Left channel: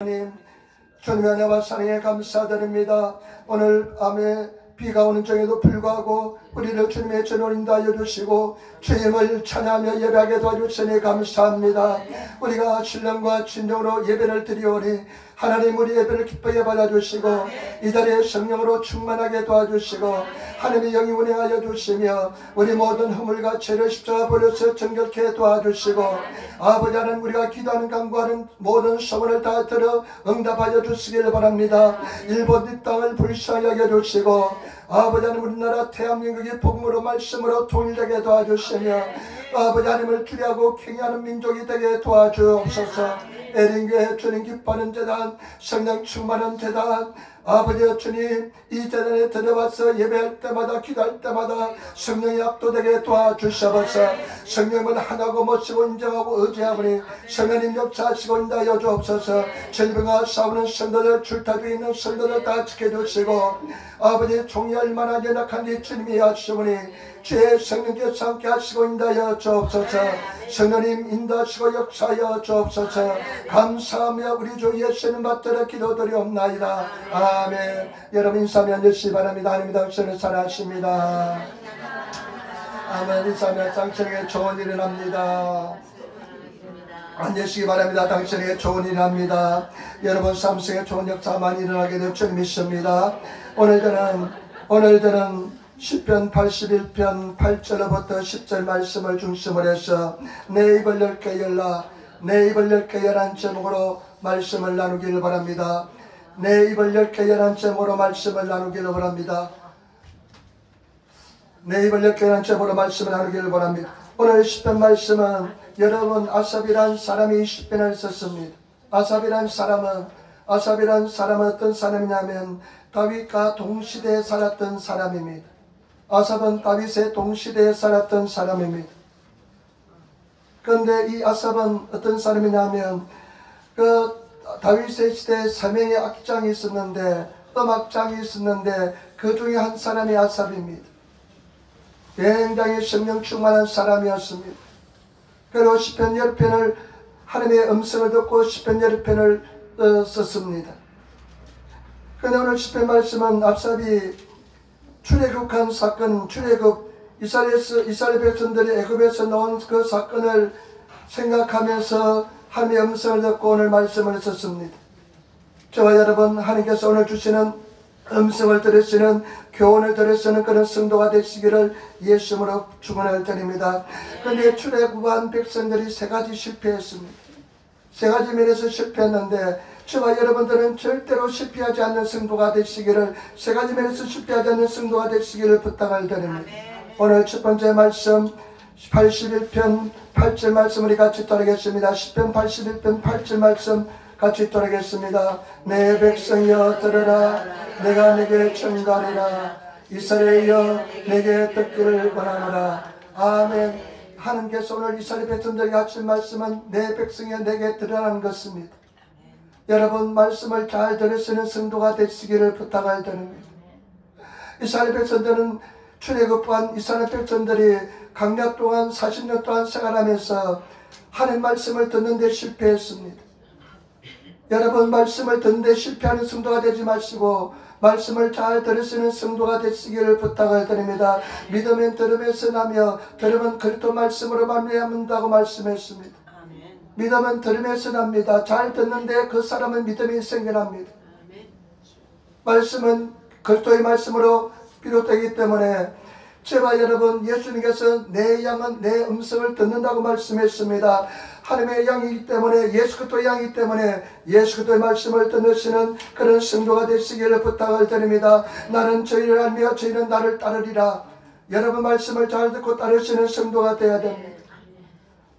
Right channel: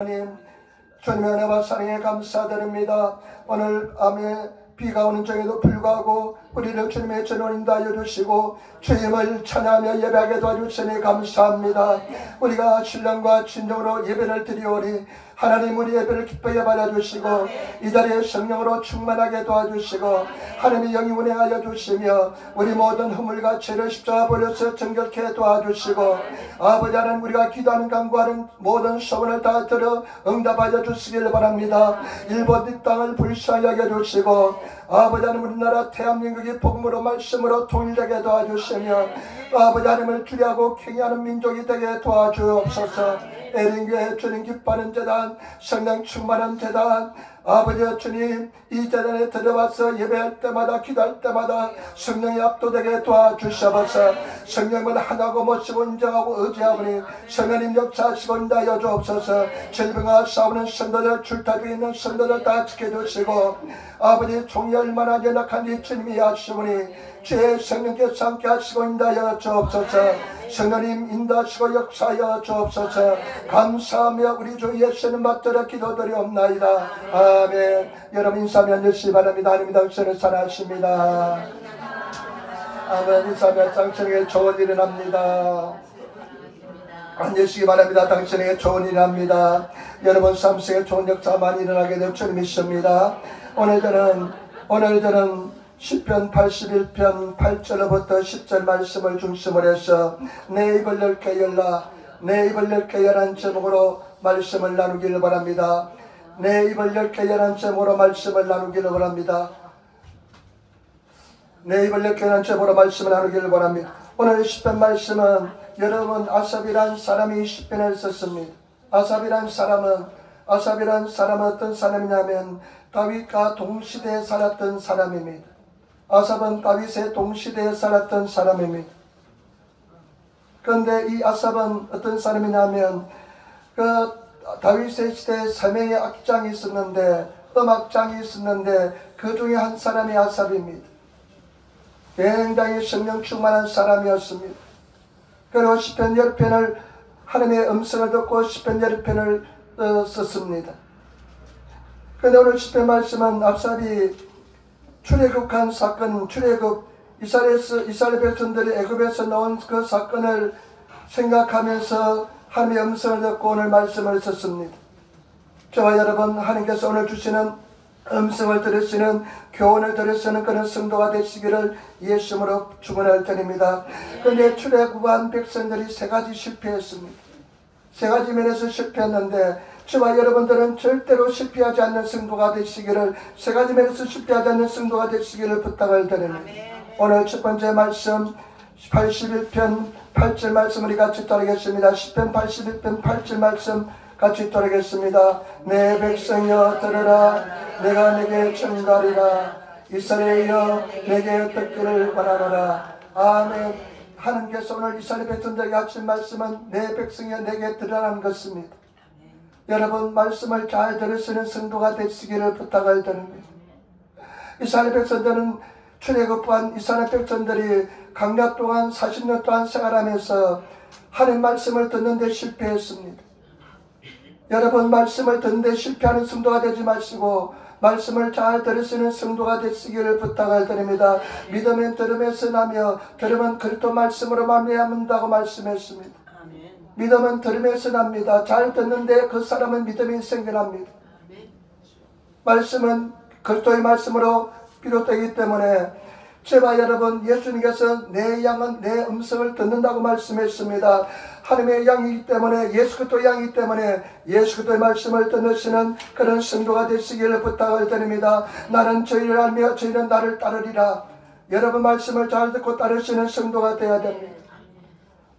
하나님, 주님의 은혜와 사랑에 감사드립니다. 오늘 밤에 비가 오는 중에도 불구하고 우리를 주님의 전원 인도하여 주시고 주님을 찬양하며 예배하게 도와주시니 감사합니다. 우리가 신령과 진정으로 예배를 드리오니 하나님 우리 예배를 기쁘게 받아주시고 이 자리에 성령으로 충만하게 도와주시고 하나님의 영이 운행하여 주시며 우리 모든 허물과 죄를 십자가 버려서 정결케 도와주시고 아버지 하나님 우리가 기도하는 간구하는 모든 소원을 다 들어 응답하여 주시길 바랍니다. 일본 이 땅을 불쌍하게 해주시고 아버지 하나님 우리나라 대한민국이 복음으로 말씀으로 통일되게 도와주시며 아버지 하나님을 기대하고 경외하는 민족이 되게 도와주옵소서. 에린교회 주님 기뻐하는 재단, 성령 충만한 재단, 아버지 주님 이 재단에 들어와서 예배할 때마다 기도할 때마다 성령이 압도되게 도와주셔서 성령은 하나고 모시고 인정하고 의지하오니 성령님 역사하시고 인도하여 주옵소서. 질병과 싸우는 성도들 줄타 중에 있는 성도들 다 지켜주시고 아버지 종이 얼마나 연약한지 주님이 아시오니 주의 성령께서 함께 하시고 인도하여 주옵소서. 성령님 인도하시고 역사하여 주옵소서. 감사하며 우리 주 예수님 받들어 기도드리옵나이다. 아멘. 여러분 인사하며 앉으시기 바랍니다. 하나님 당신을 사랑하십니다. 아멘. 인사하며 당신에게 좋은 일이 납니다. 앉으시기 바랍니다. 당신에게 좋은 일이 납니다. 여러분 삶 속에 좋은 역사 많이 일어나게 될 줄 믿습니다. 오늘 저는 시편 81편 8절부터 10절 말씀을 중심으로 해서 내 입을 열게 열라, 내 입을 열게 열한 제목으로 말씀을 나누기를 바랍니다. 내 입을 열게 열한 제목으로 말씀을 나누기를 바랍니다. 내 입을 열게 열한 제목으로 말씀을 나누기를 바랍니다. 오늘 시편 말씀은 여러분 아삽이란 사람이 시편을 썼습니다. 아삽이란 사람은 어떤 사람이냐면 다윗과 동시대에 살았던 사람입니다. 아삽은 다윗의 동시대에 살았던 사람입니다. 그런데 이 아삽은 어떤 사람이냐면 그 다윗의 시대에 3명의 악장이 있었는데 음악장이 있었는데 그 중에 한 사람이 아삽입니다. 굉장히 성령 충만한 사람이었습니다. 그리고 시편 10편을 하나님의 음성을 듣고 시편 10편을 썼습니다. 그런데 오늘 시편 말씀은 아삽이 출애굽한 사건, 출애굽 이스라엘 백성들이 애굽에서 나온 그 사건을 생각하면서 하나님의 음성을 듣고 오늘 말씀을 썼습니다. 저와 여러분 하나님께서 오늘 주시는 음성을 들으시는 교훈을 들으시는 그런 성도가 되시기를 예수님으로 축원을 드립니다. 그런데 출애굽한 백성들이 세 가지 실패했습니다. 세 가지 면에서 실패했는데 저와 여러분들은 절대로 실패하지 않는 성도가 되시기를, 세 가지 면에서 실패하지 않는 성도가 되시기를 부탁을 드립니다. 오늘 첫 번째 말씀 81편 8절 말씀 우리 같이 따르겠습니다. 시편 81편 8절 말씀 같이 따르겠습니다. 내 백성여 들으라, 내가 내게 전가리라, 이스라엘여 내게 듣기를 원하노라. 아멘. 하나님께서 오늘 이스라엘 백성들에게 하신 말씀은 내 백성여 내게 들으라는 것입니다. 여러분 말씀을 잘 들으시는 성도가 되시기를 부탁을 드립니다. 이스라엘 백성들은 출애굽한 이스라엘 백성들이 강약 동안 40년 동안 생활하면서 하나님 말씀을 듣는 데 실패했습니다. 여러분 말씀을 듣는 데 실패하는 성도가 되지 마시고 말씀을 잘 들으시는 성도가 되시기를 부탁을 드립니다. 믿음은 들음에서 나며 들음은 그리스도 말씀으로 말미암는다고 말씀했습니다. 믿음은 들음에서 납니다. 잘 듣는데 그 사람은 믿음이 생겨납니다. 말씀은 그리스도의 말씀으로 비롯되기 때문에 저와 여러분 예수님께서 내 양은 내 음성을 듣는다고 말씀했습니다. 하나님의 양이기 때문에 예수 그리스도의 양이기 때문에 예수 그리스도의 말씀을 듣는 그런 성도가 되시기를 부탁을 드립니다. 나는 저희를 알며 저희는 나를 따르리라. 여러분 말씀을 잘 듣고 따르시는 성도가 되어야 됩니다.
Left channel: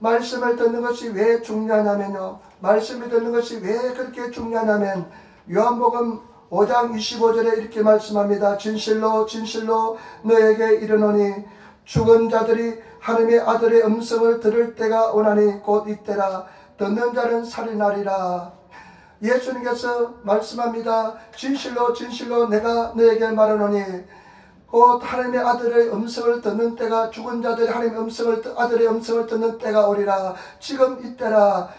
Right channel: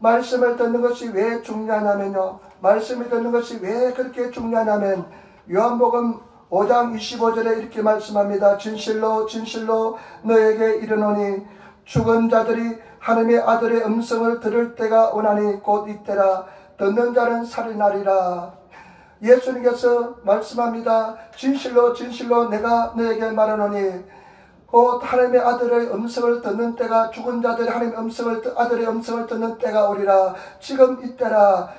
말씀을 듣는 것이 왜 중요하냐면요. 말씀을 듣는 것이 왜 그렇게 중요하냐면 요한복음 5장 25절에 이렇게 말씀합니다. 진실로 진실로 너에게 이르노니 죽은 자들이 하나님의 아들의 음성을 들을 때가 오나니 곧 이때라. 듣는 자는 살이 나리라. 예수님께서 말씀합니다. 진실로 진실로 내가 너에게 말하노니 곧 하나님의 아들의 음성을 듣는 때가, 죽은 자들이 하나님의 아들의 음성을 듣는 때가 오리라. 지금 이때라.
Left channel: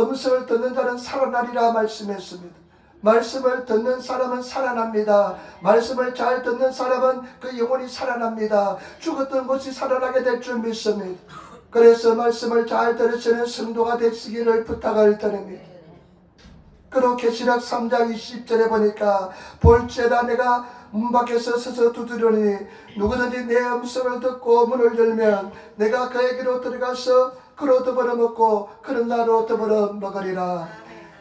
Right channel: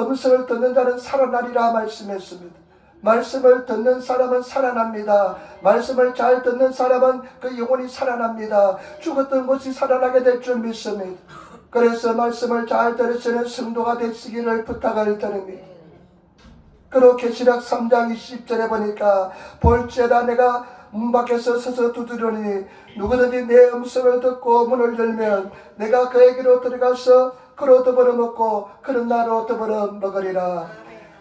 음성을 듣는 자는 살아나리라 말씀했습니다. 말씀을 듣는 사람은 살아납니다. 말씀을 잘 듣는 사람은 그 영혼이 살아납니다. 죽었던 것이 살아나게 될 줄 믿습니다. 그래서 말씀을 잘 들으시는 성도가 되시기를 부탁을 드립니다. 그리고 계시록 3장 20절에 보니까 볼지어다 내가 문 밖에서 서서 두드리니 누구든지 내 음성을 듣고 문을 열면 내가 그에게로 들어가서 그로 더불어 먹고 그는 나로 더불어 먹으리라.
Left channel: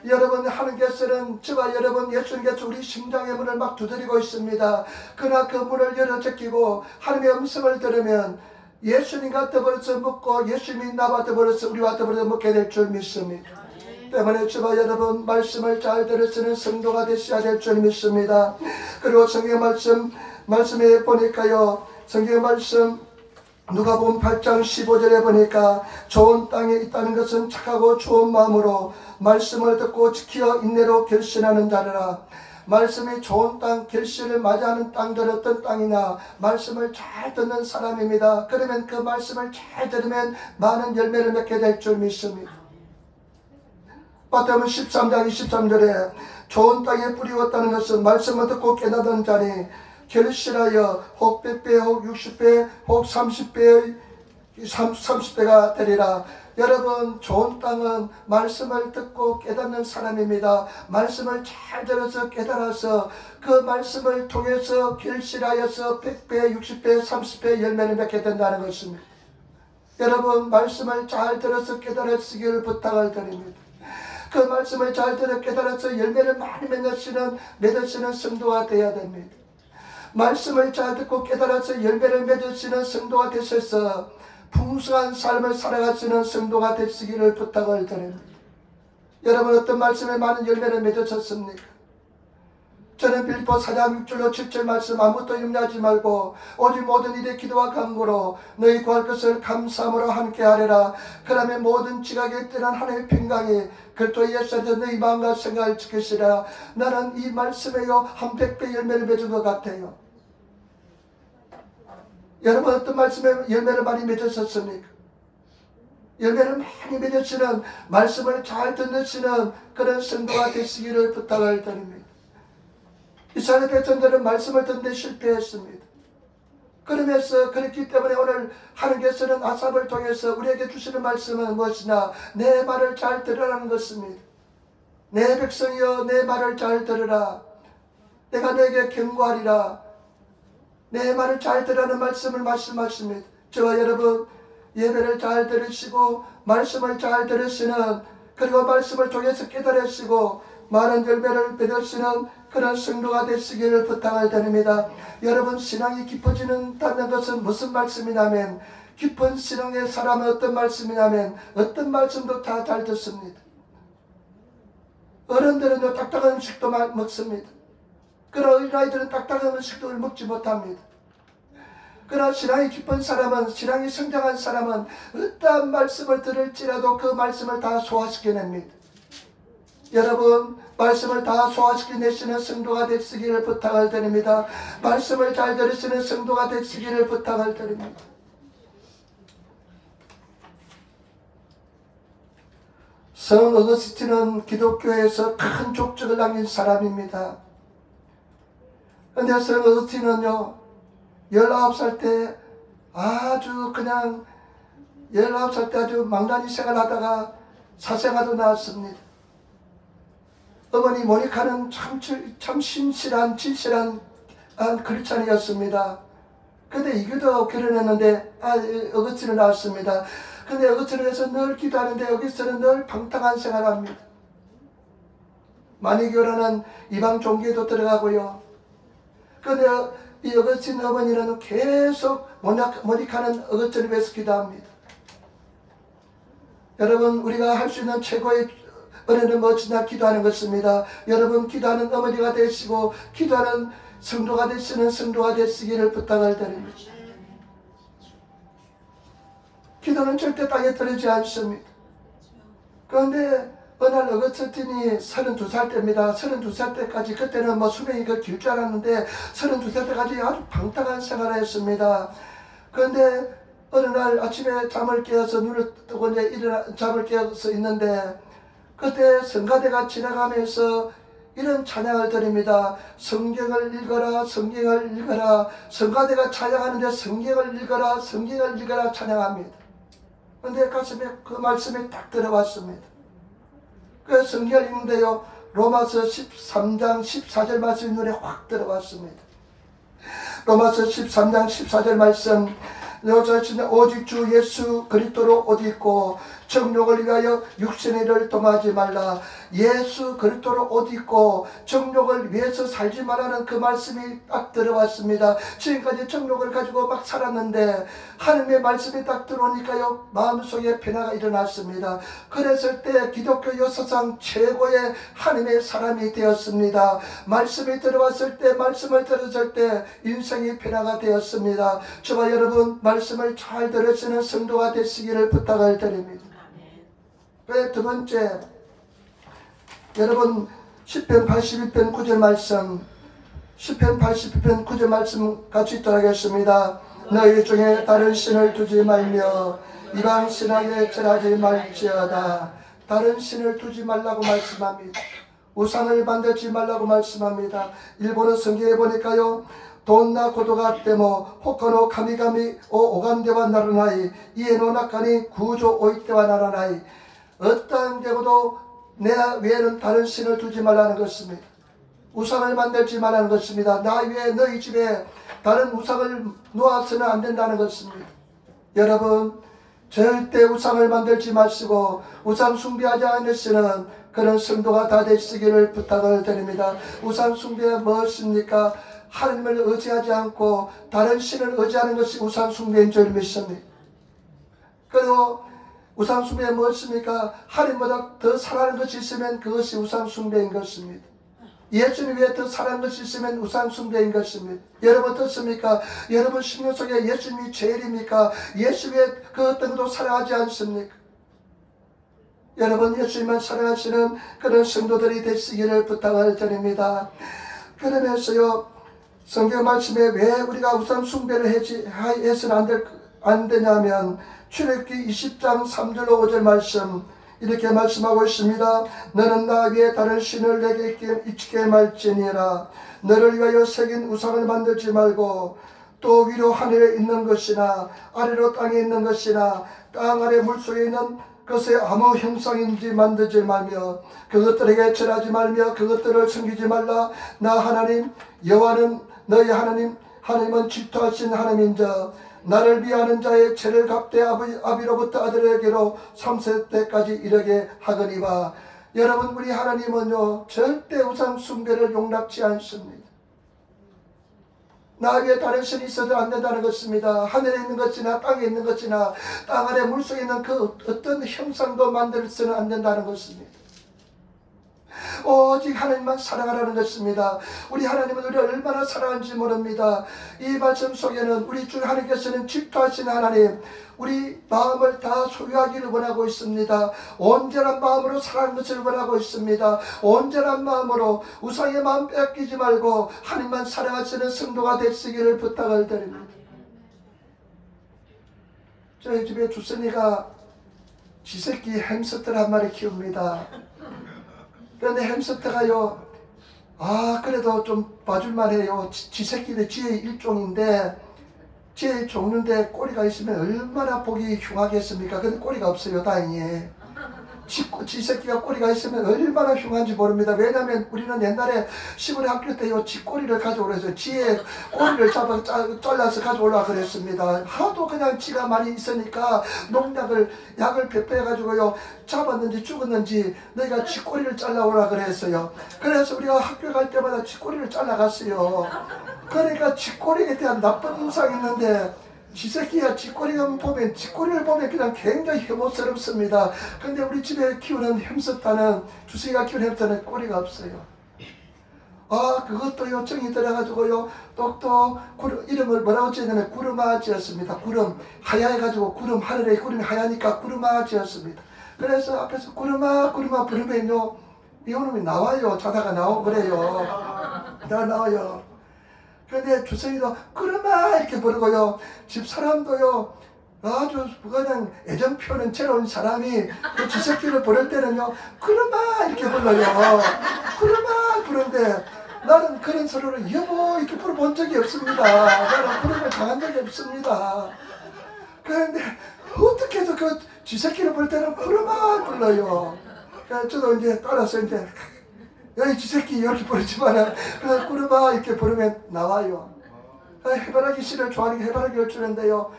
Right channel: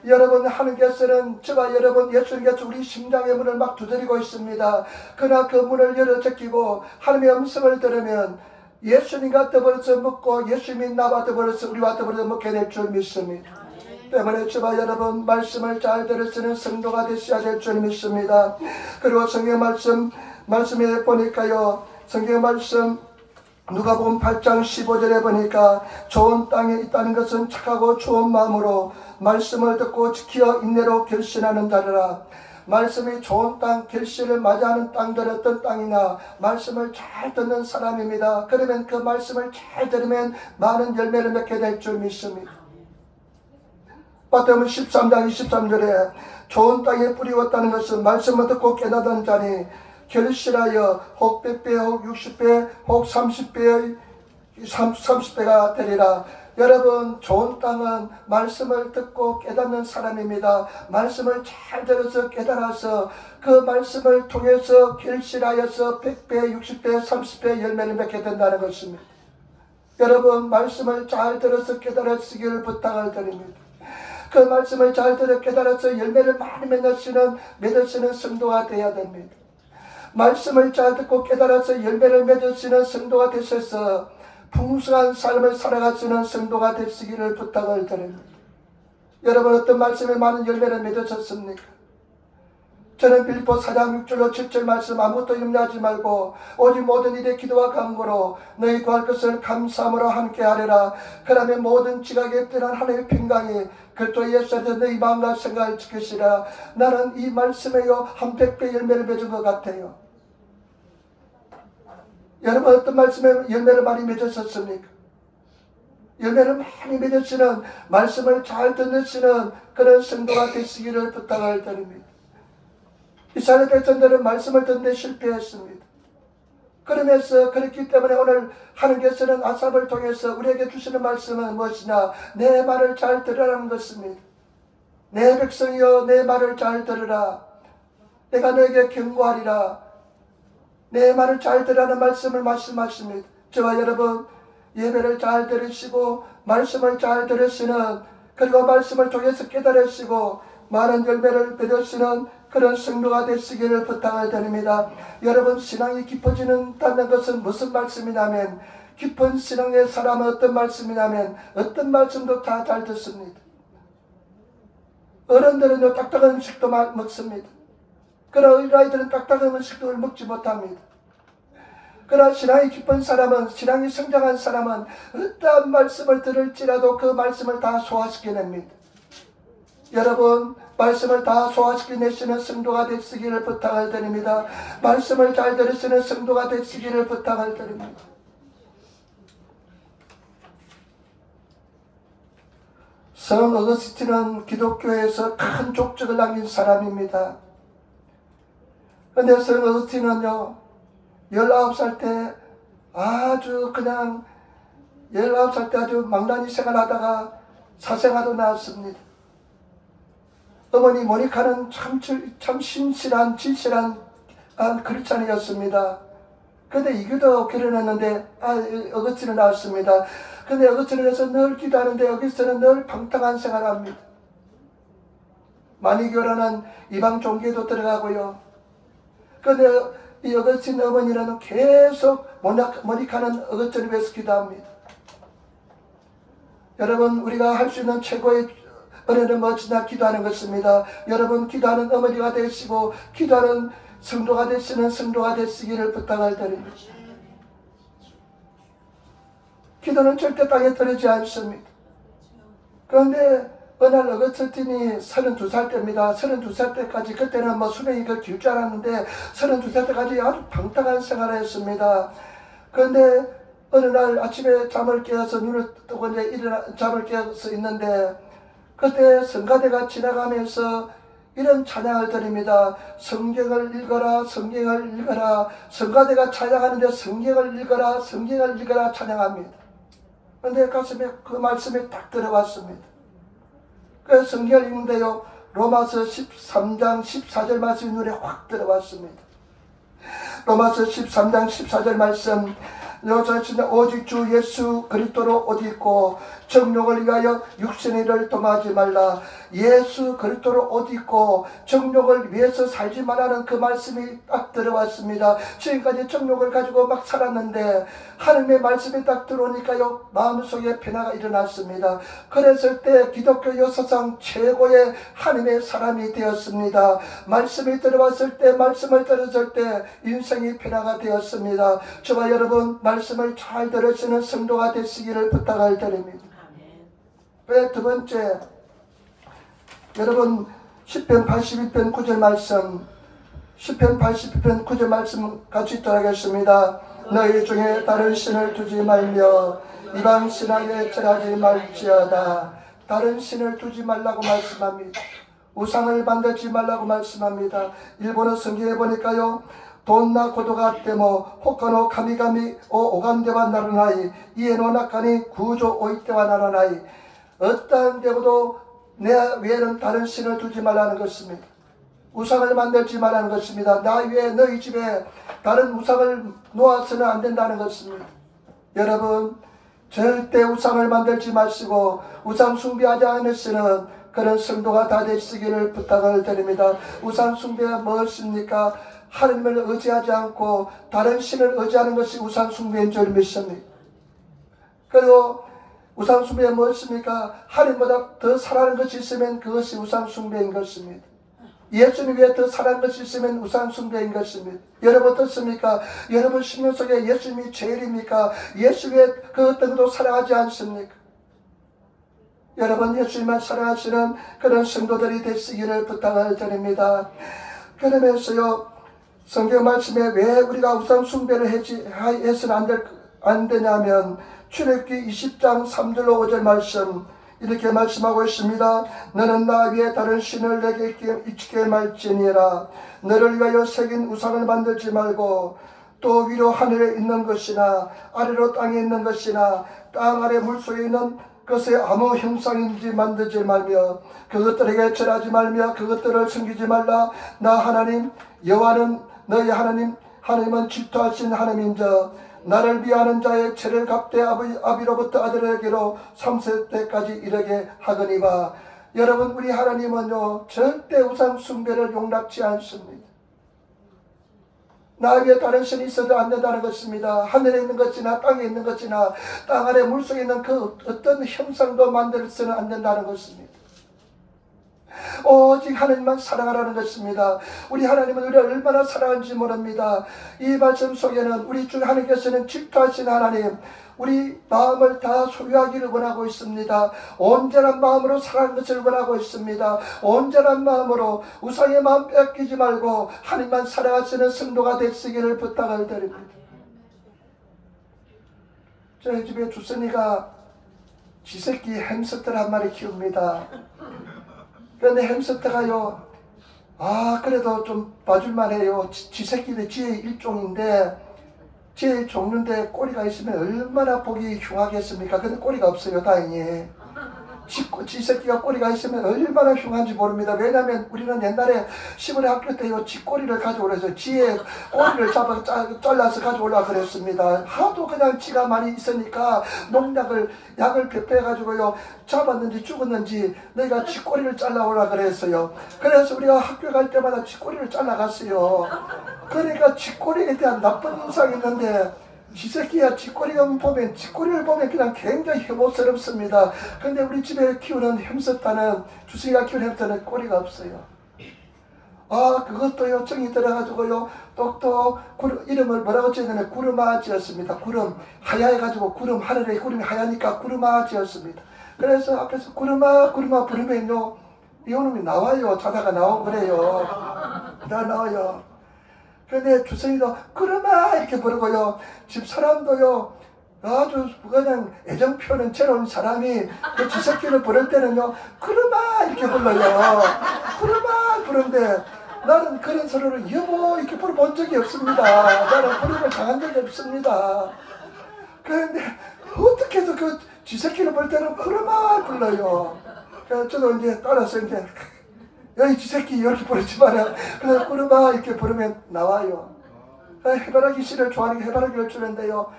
여러분, 하나님께서는 저와 여러분 예수님께서 우리 심장의 문을 막 두드리고 있습니다. 그러나 그 문을 열어 제끼고 하나님의 음성을 들으면 예수님과 더불어서 먹고 예수님이 나와 더불어서 우리와 더불어 먹게 될 줄 믿습니다. 때문에 저와 여러분 말씀을 잘 들으시는 성도가 되셔야 될 줄 믿습니다. 그리고 성경 말씀에 보니까요, 성경 말씀 누가복음 8장 15절에 보니까 좋은 땅에 있다는 것은 착하고 좋은 마음으로 말씀을 듣고 지켜 인내로 결신하는 자라. 말씀이 좋은 땅, 결실을 맞이하는 땅들은 어떤 땅이냐? 말씀을 잘 듣는 사람입니다. 그러면 그 말씀을 잘 들으면 많은 열매를 맺게 될 줄 믿습니다. 마태복음 13장 23절에 좋은 땅에 뿌리웠다는 것은 말씀을 듣고 깨닫는 자니 결실하여 혹 100배, 혹 60배, 혹 30배가 되리라. 여러분, 좋은 땅은 말씀을 듣고 깨닫는 사람입니다. 말씀을 잘 들어서 깨달아서 그 말씀을 통해서 결실하여서 100배, 60배, 30배 열매를 맺게 된다는 것입니다. 여러분, 말씀을 잘 들어서 깨달으시길 부탁을 드립니다. 그 말씀을 잘 들어 깨달아서 열매를 많이 맺으시는 성도가 되어야 됩니다. 말씀을 잘 듣고 깨달아서 열매를 맺으시는 성도가 되셔서 풍성한 삶을 살아가시는 성도가 되시기를 부탁을 드립니다. 여러분, 어떤 말씀에 많은 열매를 맺으셨습니까? 저는 빌립보 4장 6절로 7절 말씀 아무것도 염려하지 말고 오직 모든 일에 기도와 간구로 너희 구할 것을 감사함으로 함께하리라. 그러면 모든 지각에 뛰어난 하나님의 평강이 그리스도 예수 안에서 너희 마음과 생각을 지키시라. 나는 이 말씀에요 한 100배 열매를 맺은 것 같아요. 여러분, 어떤 말씀에 열매를 많이 맺으셨습니까? 열매를 많이 맺으시는 말씀을 잘 듣으시는 그런 성도가 되시기를 부탁을 드립니다. 이스라엘 백성들은 말씀을 듣는데 실패했습니다. 그러면서 그렇기 때문에 오늘 하나님께서는 아삽을 통해서 우리에게 주시는 말씀은 무엇이냐? 내 말을 잘 들으라는 것입니다. 내 백성이여 내 말을 잘 들으라. 내가 너에게 경고하리라. 내 말을 잘 들으라는 말씀을 말씀하십니다. 저와 여러분, 예배를 잘 들으시고 말씀을 잘 들으시는, 그리고 말씀을 통해서 깨달으시고 많은 열매를 맺으시는 그런 성도가 되시기를 부탁을 드립니다. 여러분, 신앙이 깊어지는다는 것은 무슨 말씀이냐면, 깊은 신앙의 사람은 어떤 말씀이냐면 어떤 말씀도 다 잘 듣습니다. 어른들은 딱딱한 음식도 먹습니다. 그러나 어린아이들은 딱딱한 음식도 먹지 못합니다. 그러나 신앙이 깊은 사람은, 신앙이 성장한 사람은 어떠한 말씀을 들을지라도 그 말씀을 다 소화시켜냅니다. 여러분, 말씀을 다 소화시켜내시는 성도가 되시기를 부탁을 드립니다. 말씀을 잘 들으시는 성도가 되시기를 부탁을 드립니다. 성 어거스틴은 기독교에서 큰 족적을 남긴 사람입니다. 근데 성 어거스틴은요, 19살 때 아주 망나니 생활하다가 사생아도 낳았습니다. 어머니 모니카는 참 신실한 크리스찬이었습니다. 근데 이교도 결혼했는데 어거스틴을 낳았습니다. 근데 어거스틴을 해서 늘 기도하는데 여기서는 늘 방탕한 생활합니다. 마니교라는 이방 종교에도 들어가고요. 근데 이 어거스틴 어머니는 계속 모니카는 어거스틴을 위해서 기도합니다. 여러분, 우리가 할 수 있는 최고의 은혜는 무엇이냐? 기도하는 것입니다. 여러분, 기도하는 어머니가 되시고 기도하는 성도가 되시는 성도가 되시기를 부탁을 드립니다. 기도는 절대 땅에 떨어지지 않습니다. 그런데 어느 날 어거스틴이 32살 때입니다. 32살 때까지, 그때는 수명이 길 줄 알았는데 32살 때까지 아주 방탕한 생활을 했습니다. 그런데 어느 날 아침에 잠을 깨어서 눈을 뜨고 이제 잠을 깨어서 있는데 그때 성가대가 지나가면서 이런 찬양을 드립니다. 성경을 읽어라, 성경을 읽어라. 성가대가 찬양하는데 성경을 읽어라, 성경을 읽어라 찬양합니다. 그런데 가슴에 그 말씀이 딱 들어왔습니다. 그 성경을 읽는데요, 로마서 13장 14절 말씀이 눈에 확 들어왔습니다. 로마서 13장 14절 말씀, 오직 주 예수 그리스도로 옷 입고 정욕을 위하여 육신의 일을 동하지 말라. 예수 그리스도로 옷 입고 정욕을 위해서 살지 말라는 그 말씀이 딱 들어왔습니다. 지금까지 정욕을 가지고 막 살았는데 하나님의 말씀이 딱 들어오니까요, 마음속에 변화가 일어났습니다. 그랬을 때 기독교 역사상 최고의 하나님의 사람이 되었습니다. 말씀이 들어왔을 때, 말씀을 들었을 때 인생이 변화가 되었습니다. 저와 여러분, 말씀을 잘 들으시는 성도가 되시기를 부탁을 드립니다. 두 번째, 여러분 시편 81편 9절 말씀, 시편 81편 9절 말씀 같이 읽도록 하겠습니다. 너희 중에 다른 신을 두지 말며 이방 신앙에 절하지 말지어다. 다른 신을 두지 말라고 말씀합니다. 우상을 만들지 말라고 말씀합니다. 일본어 성경에 보니까요, 돈나 고도가 때모 호카노 카미가미 오간데와 나르나이 이에노 나카니 구조 오이테와 나르나이. 어떠한 데보도 내 외에는 다른 신을 두지 말라는 것입니다. 우상을 만들지 말라는 것입니다. 나 외에 너희 집에 다른 우상을 놓아서는 안 된다는 것입니다. 여러분, 절대 우상을 만들지 마시고 우상 숭배하지 않으시는 그런 성도가 다 되시기를 부탁을 드립니다. 우상 숭배가 무엇입니까? 하나님을 의지하지 않고 다른 신을 의지하는 것이 우상 숭배인 줄 믿습니다. 그리고 우상 숭배가 무엇입니까? 하나님보다 더 사랑하는 것이 있으면 그것이 우상 숭배인 것입니다. 예수님 외에 더 사랑하는 것이 있으면 우상 숭배인 것입니다. 여러분 어떻습니까? 여러분 심령 속에 예수님이 제일입니까? 예수 외에 그 어떤 것도 사랑하지 않습니까? 여러분 예수님만 사랑하시는 그런 성도들이 되시기를 부탁을 드립니다. 그러면서요, 성경 말씀에 왜 우리가 우상 숭배를 해서는 안 되냐면 출애굽기 20장 3절로 5절 말씀 이렇게 말씀하고 있습니다. 너는 나 위에 다른 신을 내게 잊게 말지니라. 너를 위하여 새긴 우상을 만들지 말고 또 위로 하늘에 있는 것이나 아래로 땅에 있는 것이나 땅 아래 물속에 있는 것의 아무 형상인지 만들지 말며 그것들에게 절하지 말며 그것들을 섬기지 말라. 나 하나님 여호와는 너희 하나님은 질투하신 하나님인저 나를 위하는 자의 죄를 갚되 아비로부터 아들에게로 3세대까지 이르게 하거니와. 여러분 우리 하나님은요 절대 우상 숭배를 용납치 않습니다. 나 위에 다른 신이 있어도 안 된다는 것입니다. 하늘에 있는 것이나 땅에 있는 것이나 땅 아래 물속에 있는 그 어떤 형상도 만들어서는 안 된다는 것입니다. 오직 하나님만 사랑하라는 것입니다. 우리 하나님은 우리를 얼마나 사랑하는지 모릅니다. 이 말씀 속에는 우리 주 하나님께서는 질투하신 하나님, 우리 마음을 다 소유하기를 원하고 있습니다. 온전한 마음으로 사랑하는 것을 원하고 있습니다. 온전한 마음으로 우상의 마음 뺏기지 말고 하나님만 사랑하시는 성도가 되시기를 부탁을 드립니다. 저희 집에 주선이가 지새끼 햄스터를 한 마리 키웁니다. 그런데 햄스터가요, 그래도 좀 봐줄만 해요. 지새끼들 지의 일종인데, 지의 종류인데 꼬리가 있으면 얼마나 보기 흉하겠습니까? 근데 꼬리가 없어요, 다행히. 지새끼가 꼬리가 있으면 얼마나 흉한지 모릅니다. 왜냐하면 우리는 옛날에 시골에 학교 때요, 지 꼬리를 가져오래서 지의 꼬리를 잘라서 가져오려고 그랬습니다. 하도 그냥 지가 많이 있으니까 약을 배폐해가지고요, 잡았는지 죽었는지 너희가 지 꼬리를 잘라오라 그랬어요. 그래서 우리가 학교 갈 때마다 지 꼬리를 잘라갔어요. 그러니까 지 꼬리에 대한 나쁜 인상이 있는데, 지새끼야 쥐꼬리를 보면 그냥 굉장히 혐오스럽습니다. 근데 우리 집에 키우는 햄스터는, 주승이가 키우는 햄스터는 꼬리가 없어요. 그것도요, 정이 들어가지고요, 또 이름을 뭐라고 지었냐면 구름아 지었습니다. 구름, 하얘가지고 하늘에 구름이 하얘니까 구름아 지었습니다. 그래서 앞에서 구름아 부르면요, 이놈이 나와요. 자다가 나오고 그래요. 나와요. 그런데 주성이도 구름아 이렇게 부르고요, 집 사람도요 아주 그냥 애정 표현 채로운 사람이 그 지새끼를 부를 때는요, 그놈아 이렇게 불러요. 그놈아 부르는데 나는 그런 소리를 여보 이렇게 부르본 적이 없습니다. 나는 부르는 당한 적이 없습니다. 그런데 어떻게 해서 그 지새끼를 부를 때는 그놈아 불러요. 그래서 저도 이제 따라서 이제 여기 지새끼 이렇게 부르지 마라. 그래서 그놈아 이렇게 부르면 나와요. 해바라기 씨를 좋아하는 게 해바라기를 주는데요.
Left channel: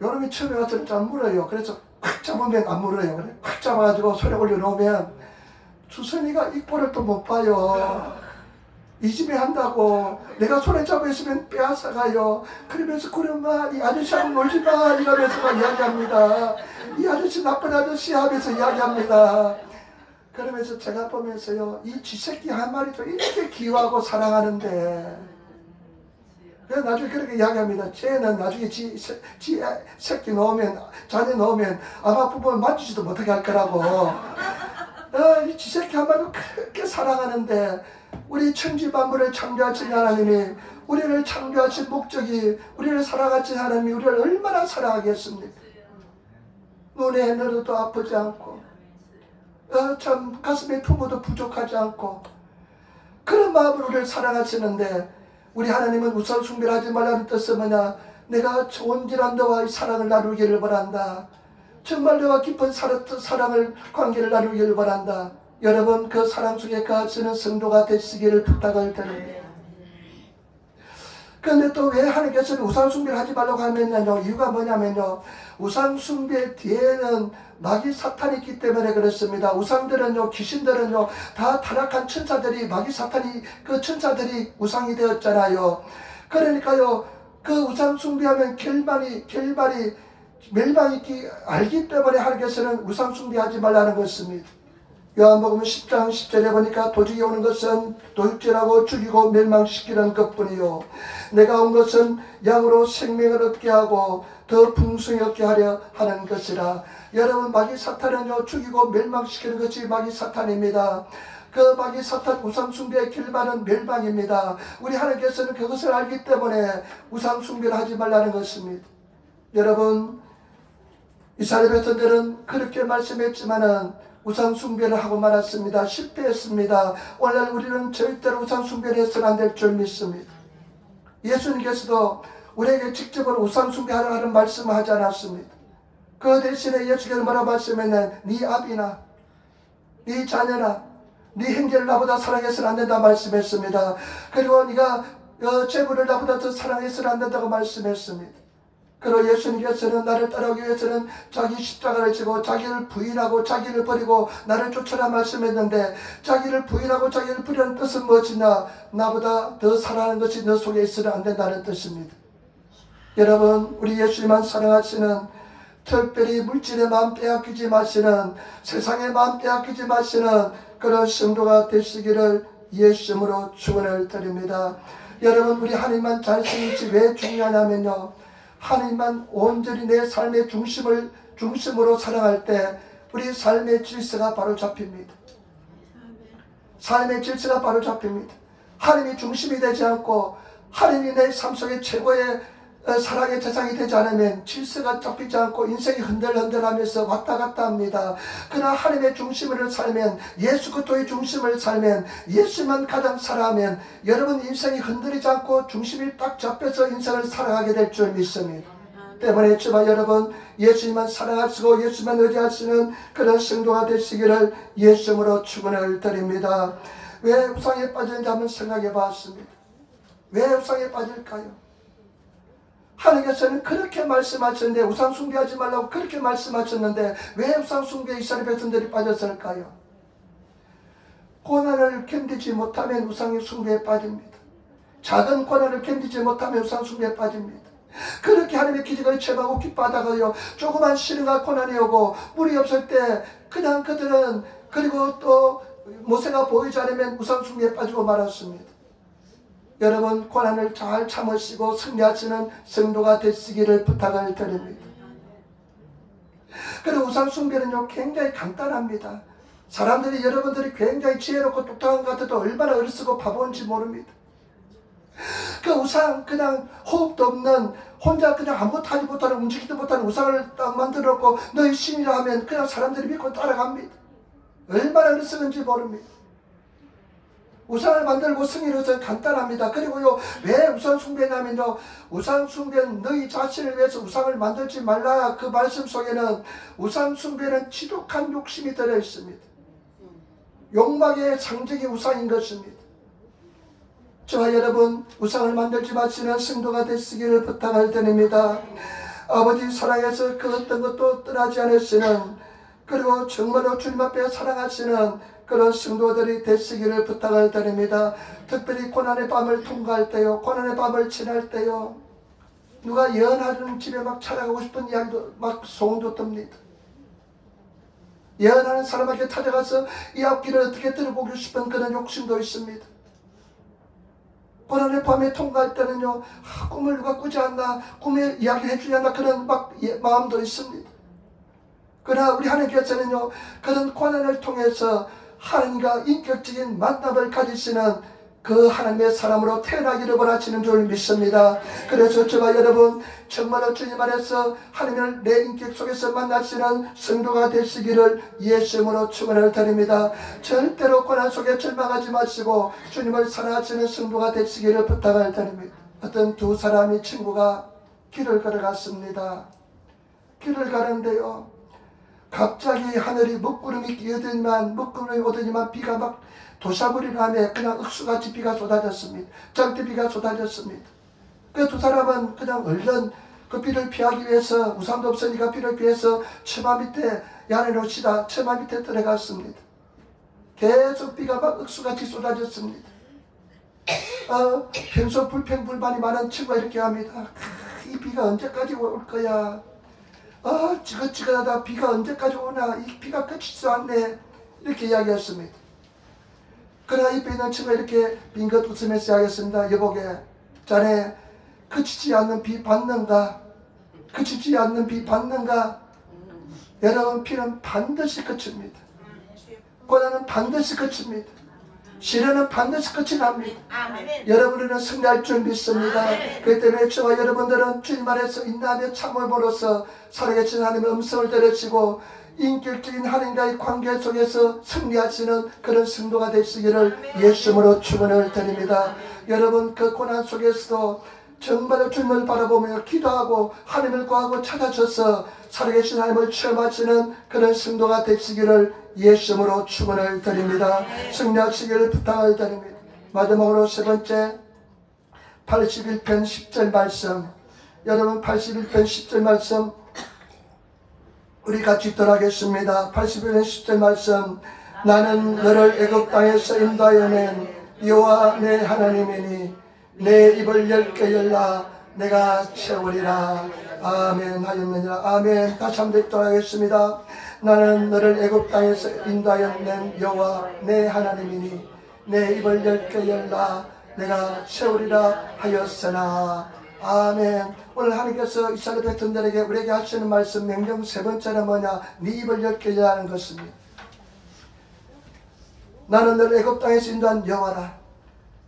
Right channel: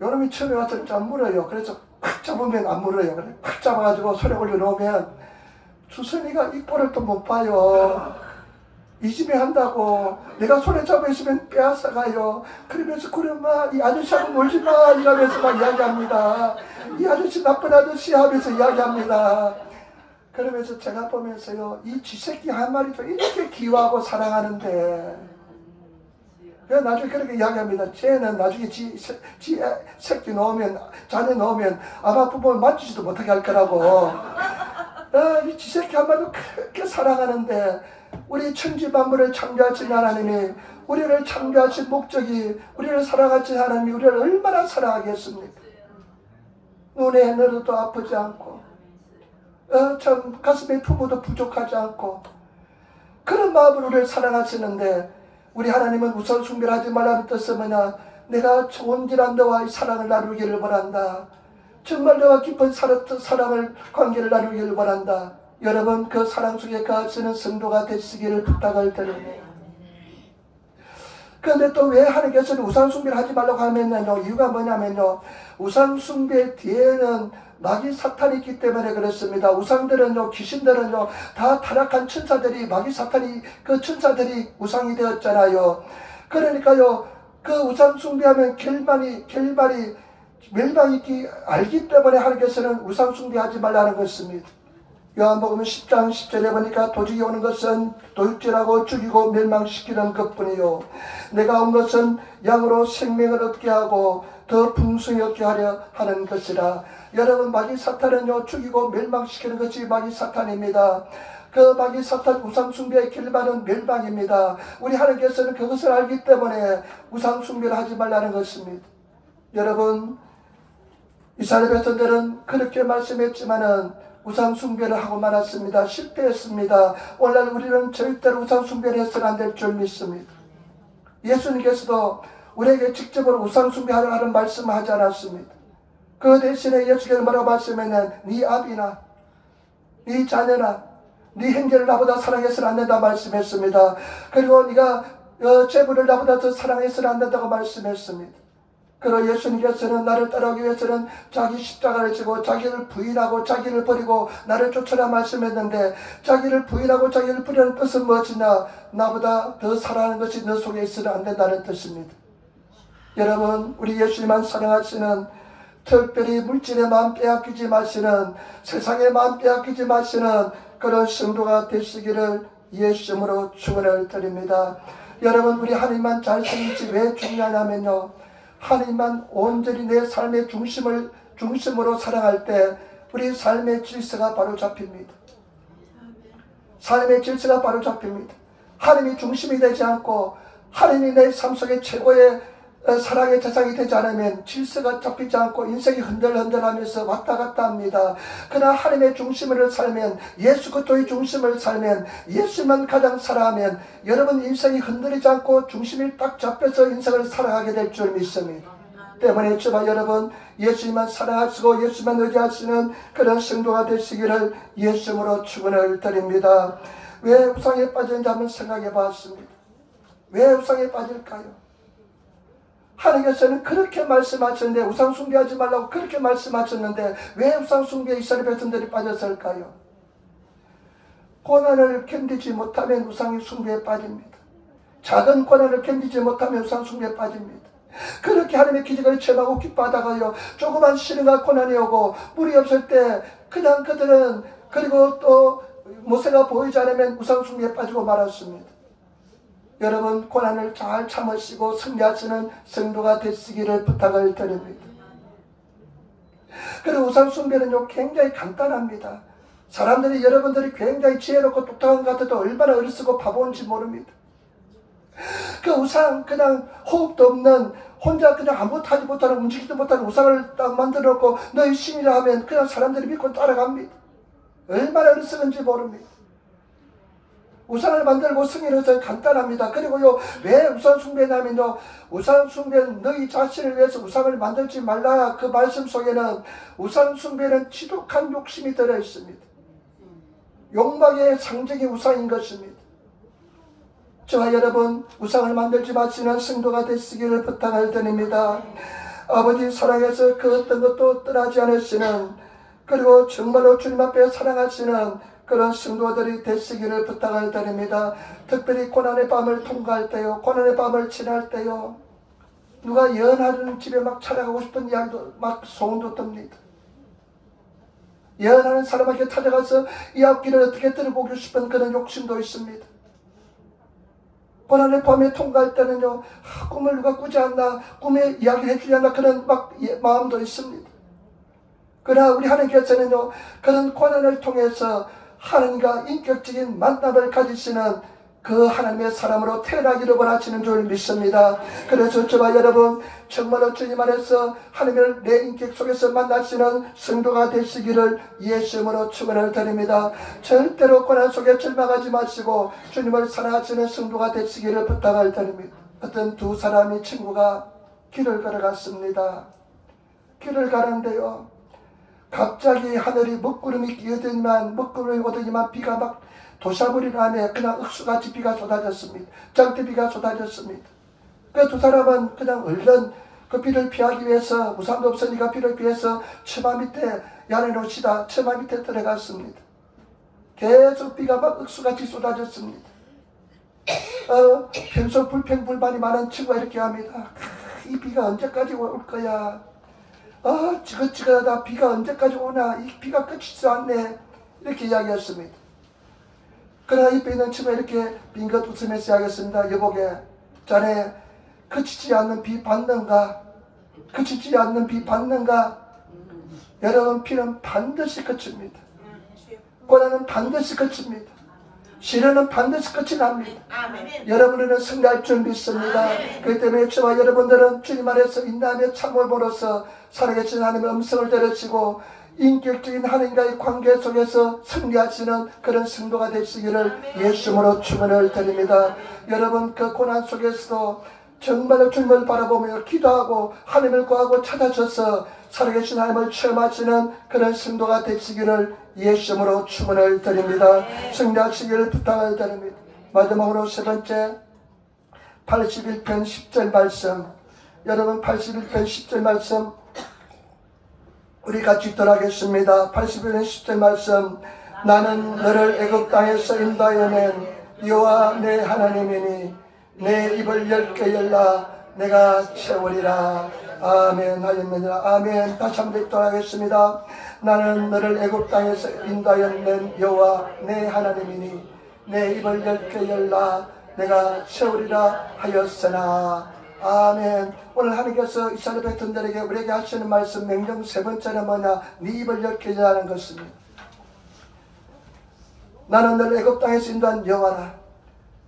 여름이 처음에 와서 잘 물어요. 그래서 꽉 잡으면 안 물어요. 그래 꽉 잡아가지고 손에 올려놓으면 주선이가 이꼴을 또 못 봐요. 이 집에 한다고 내가 손에 잡아있으면 빼앗아가요. 그러면서 그러마 이 아저씨하고 놀지마 이러면서 막 이야기합니다. 이 아저씨 나쁜 아저씨 하면서 이야기합니다. 그러면서 제가 보면서요, 이 쥐새끼 한 마리도 이렇게 귀여워하고 사랑하는데 그래서 나중에 그렇게 이야기합니다. 쟤는 나중에 지 새끼 넣으면, 자네 넣으면 아마 부모를 만지지도 못하게 할 거라고. 이 지 새끼 한 마리도 그렇게 사랑하는데 우리 천지만물을 창조하신 하나님이, 우리를 창조하신 목적이, 우리를 사랑하신 하나님이 우리를 얼마나 사랑하겠습니까? 눈에 너도 아프지 않고 참 가슴에 품어도 부족하지 않고 그런 마음으로 우리를 사랑하시는데, 우리 하나님은 우상 숭배를 하지 말라는 뜻은 뭐냐? 내가 온전한 너와의 사랑을 나누기를 바란다. 정말 너와 깊은 사랑을 관계를 나누기를 바란다. 여러분 그 사랑 속에 거하시는 성도가 되시기를 부탁을 드립니다. 그런데 또 왜 하나님께서는 우상 숭배를 하지 말라고 하면요, 이유가 뭐냐면요, 우상 숭배 뒤에는 마귀 사탄이 있기 때문에 그렇습니다. 우상들은요, 귀신들은요, 다 타락한 천사들이, 마귀 사탄이 그 천사들이 우상이 되었잖아요. 그러니까요, 그 우상 숭배하면 결말이 멸망이 알기 때문에 하나님께서는 우상 숭배하지 말라는 것입니다. 요한복음 10장 10절에 보니까 도적이 오는 것은 도둑질하고 죽이고 멸망시키는 것뿐이요, 내가 온 것은 양으로 생명을 얻게 하고 더 풍성히 얻게 하려 하는 것이라. 여러분 마귀 사탄은요, 죽이고 멸망시키는 것이 마귀 사탄입니다. 그 마귀 사탄 우상 숭배의 결말은 멸망입니다. 우리 하나님께서는 그것을 알기 때문에 우상 숭배를 하지 말라는 것입니다. 여러분 이스라엘 백성들은 그렇게 말씀했지만은 우상 숭배를 하고 말았습니다. 실패했습니다. 오늘날 우리는 절대로 우상 숭배를 해서는 안 될 줄 믿습니다. 예수님께서도 우리에게 직접으로 우상 숭배하라는 말씀을 하지 않았습니다. 그 대신에 예수께서 뭐라고 말씀했냐면 네 아비나 네 자녀나 네 형제를 나보다 사랑해서는 안 된다 말씀했습니다. 그리고 네가 재물을 나보다 더 사랑해서는 안 된다고 말씀했습니다. 그리고 예수님께서는 나를 따라오기 위해서는 자기 십자가를 지고 자기를 부인하고 자기를 버리고 나를 쫓아라 말씀했는데, 자기를 부인하고 자기를 버리는 뜻은 무엇이냐? 나보다 더 사랑하는 것이 너 속에 있어는 안 된다는 뜻입니다. 여러분 우리 예수님만 사랑하시는, 특별히 물질의 마음 빼앗기지 마시는, 세상의 마음 빼앗기지 마시는 그런 성도가 되시기를 예수님으로 축원을 드립니다. 여러분 우리 하나님만 잘 쓰는지 왜 중요하냐면요, 하나님만 온전히 내 삶의 중심으로 사랑할 때 우리 삶의 질서가 바로 잡힙니다. 삶의 질서가 바로 잡힙니다. 하나님이 중심이 되지 않고 하나님이 내 삶 속에 최고의 사랑의 대상이 되지 않으면 질서가 잡히지 않고 인생이 흔들흔들하면서 왔다 갔다 합니다. 그러나 하나님의 중심을 살면, 예수 그리스도의 중심을 살면, 예수만 가장 사랑하면 여러분 인생이 흔들리지 않고 중심이 딱 잡혀서 인생을 살아가게 될 줄 믿습니다. 때문에 제발 여러분 예수님만 사랑하시고 예수만 의지하시는 그런 성도가 되시기를 예수님으로 축원을 드립니다. 왜 우상에 빠졌는지 한번 생각해 봤습니다. 왜 우상에 빠질까요? 하나님께서는 그렇게 말씀하셨는데, 우상 숭배하지 말라고 그렇게 말씀하셨는데 왜 우상 숭배에 이스라엘 백성들이 빠졌을까요? 고난을 견디지 못하면 우상 숭배에 빠집니다. 작은 고난을 견디지 못하면 우상 숭배에 빠집니다. 그렇게 하나님의 기적을 체험하고 기뻐하다가요, 조그만 시련과 고난이 오고 물이 없을 때 그냥 그들은, 그리고 또 모세가 보이지 않으면 우상 숭배에 빠지고 말았습니다. 여러분 고난을 잘 참으시고 승리하시는 성도가 되시기를 부탁을 드립니다. 그리고 우상 숭배는요 굉장히 간단합니다. 사람들이, 여러분들이 굉장히 지혜롭고 똑똑한 것 같아도 얼마나 어리석고 바보인지 모릅니다. 그 우상, 그냥 호흡도 없는 혼자 그냥 아무것도 하지 못하는, 움직이지도 못하는 우상을 딱 만들어 놓고 너희 신이라 하면 그냥 사람들이 믿고 따라갑니다. 얼마나 어리석은지 모릅니다. 우상을 만들고 승리는 전 간단합니다. 그리고요, 왜 우상 숭배냐면요, 우상 숭배는 너희 자신을 위해서 우상을 만들지 말라. 그 말씀 속에는 우상 숭배는 지독한 욕심이 들어 있습니다. 욕망의 상징이 우상인 것입니다. 저와 여러분, 우상을 만들지 마시는 성도가 되시기를 부탁을 드립니다. 아버지 사랑해서 그 어떤 것도 떠나지 않으시는, 그리고 정말로 주님 앞에 사랑하시는 그런 성도들이 되시기를 부탁을 드립니다. 특별히 고난의 밤을 통과할 때요, 고난의 밤을 지날 때요, 누가 예언하는 집에 막 찾아가고 싶은 이야기도 막 소원도 듭니다. 예언하는 사람에게 찾아가서 이 앞길을 어떻게 들어보고 싶은 그런 욕심도 있습니다. 고난의 밤에 통과할 때는요, 꿈을 누가 꾸지 않나, 꿈에 이야기를 해주지 않나, 그런 막 마음도 있습니다. 그러나 우리 하나님께서는요, 그런 고난을 통해서 하나님과 인격적인 만남을 가지시는 그 하나님의 사람으로 태어나기를 원하시는 줄 믿습니다. 그래서 저와 여러분, 정말로 주님 안에서 하나님을 내 인격 속에서 만나시는 성도가 되시기를 예수님으로 축원을 드립니다. 절대로 고난 속에 절망하지 마시고 주님을 사랑하시는 성도가 되시기를 부탁을 드립니다. 어떤 두 사람이 친구가 길을 걸어갔습니다. 길을 가는데요, 갑자기 하늘이 먹구름이 오더니만 비가 막 도샤불이 나며 그냥 흑수같이 비가 쏟아졌습니다. 장대비가 쏟아졌습니다. 그 두 사람은 그냥 얼른 그 비를 피하기 위해서, 우산도 없으니까 비를 피해서 처마 밑에 야내 놓시다 처마 밑에 들어갔습니다. 계속 비가 막 흑수같이 쏟아졌습니다. 평소 불평불만이 많은 친구가 이렇게 합니다. 이 비가 언제까지 올 거야? 지긋지긋하다. 비가 언제까지 오나? 이 비가 그치지 않네. 이렇게 이야기했습니다. 그러나 옆에 있는 친구가 이렇게 빙긋 웃으면서 이야기했습니다. 여보게, 자네 그치지 않는 비 받는가? 그치지 않는 비 받는가? 여러분, 비는 반드시 그칩니다. 고난은 반드시 그칩니다. 시련은 반드시 끝이 납니다. 여러분은 승리할 줄 믿습니다. 그렇기 때문에 저와 여러분들은 주님 안에서 인내하며 참음으로써 살아계신 하나님의 음성을 들으시고 인격적인 하나님과의 관계 속에서 승리하시는 그런 성도가 되시기를 예수님으로 축원을 드립니다. 여러분, 그 고난 속에서도 정말로 주님을 바라보며 기도하고 하나님을 구하고 찾아져서 살아계신 하나님을 체험하시는 그런 성도가 되시기를 예수님으로 축원을 드립니다. 승리하시기를 부탁을 드립니다. 마지막으로 세 번째, 81편 10절 말씀, 여러분 81편 10절 말씀 우리 같이 들어가겠습니다. 81편 10절 말씀, 나는 너를 애굽 땅에서 인도하여 낸 여호와 내 하나님이니 내 입을 10개 열라 내가 채우리라. 아멘. 할렐루야. 아멘. 다시 한번 돌아가겠습니다. 나는 너를 애굽 땅에서 인도하여 낸 여호와 내 하나님이니 내 입을 10개 열라 내가 채우리라 하였으나. 아멘. 오늘 하나님께서 이스라엘 백성들에게 우리에게 하시는 말씀 명령 세 번째는 뭐냐? 네 입을 10개 열라는 것입니다. 나는 너를 애굽 땅에서 인도한 여호와라.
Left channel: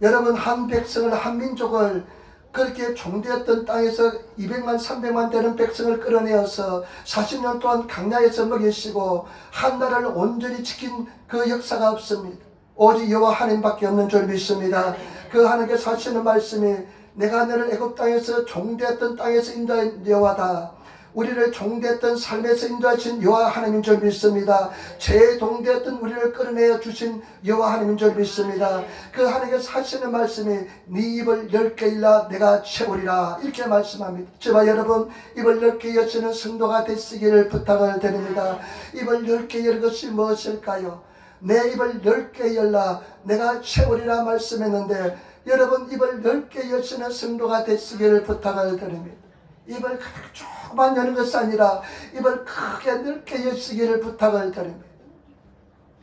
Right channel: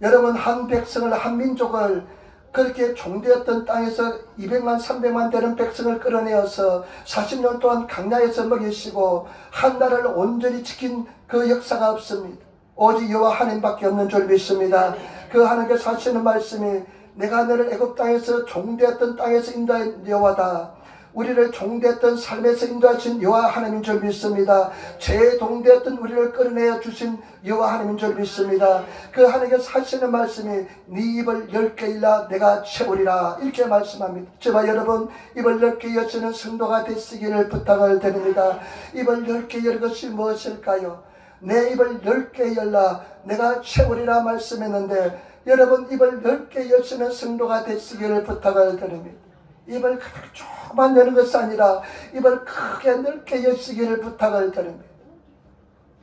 여러분, 한 백성을, 한 민족을 그렇게 종되었던 땅에서 200만 300만 되는 백성을 끌어내어서 40년 동안 강야에서 먹이시고 한 나라를 온전히 지킨 그 역사가 없습니다. 오직 여호와 하나님밖에 없는 줄 믿습니다. 그 하나님께서 하시는 말씀이 내가 너를 애굽 땅에서 종되었던 땅에서 인도한 여호와다. 우리를 종되었던 삶에서 인도하신 여호와 하나님인 줄 믿습니다. 죄에 동되었던 우리를 끌어내어 주신 여호와 하나님인 줄 믿습니다. 그 하나님께서 하시는 말씀이 네 입을 10개 열라 내가 채우리라 이렇게 말씀합니다. 저와 여러분, 입을 10개 여시는 성도가 되시기를 부탁을 드립니다. 입을 10개 열 것이 무엇일까요? 내 입을 10개 열라 내가 채우리라 말씀했는데, 여러분, 입을 10개 여시는 성도가 되시기를 부탁을 드립니다. 입을 조금만 여는 것이 아니라 입을 크게 넓게 여시기를 부탁을 드립니다.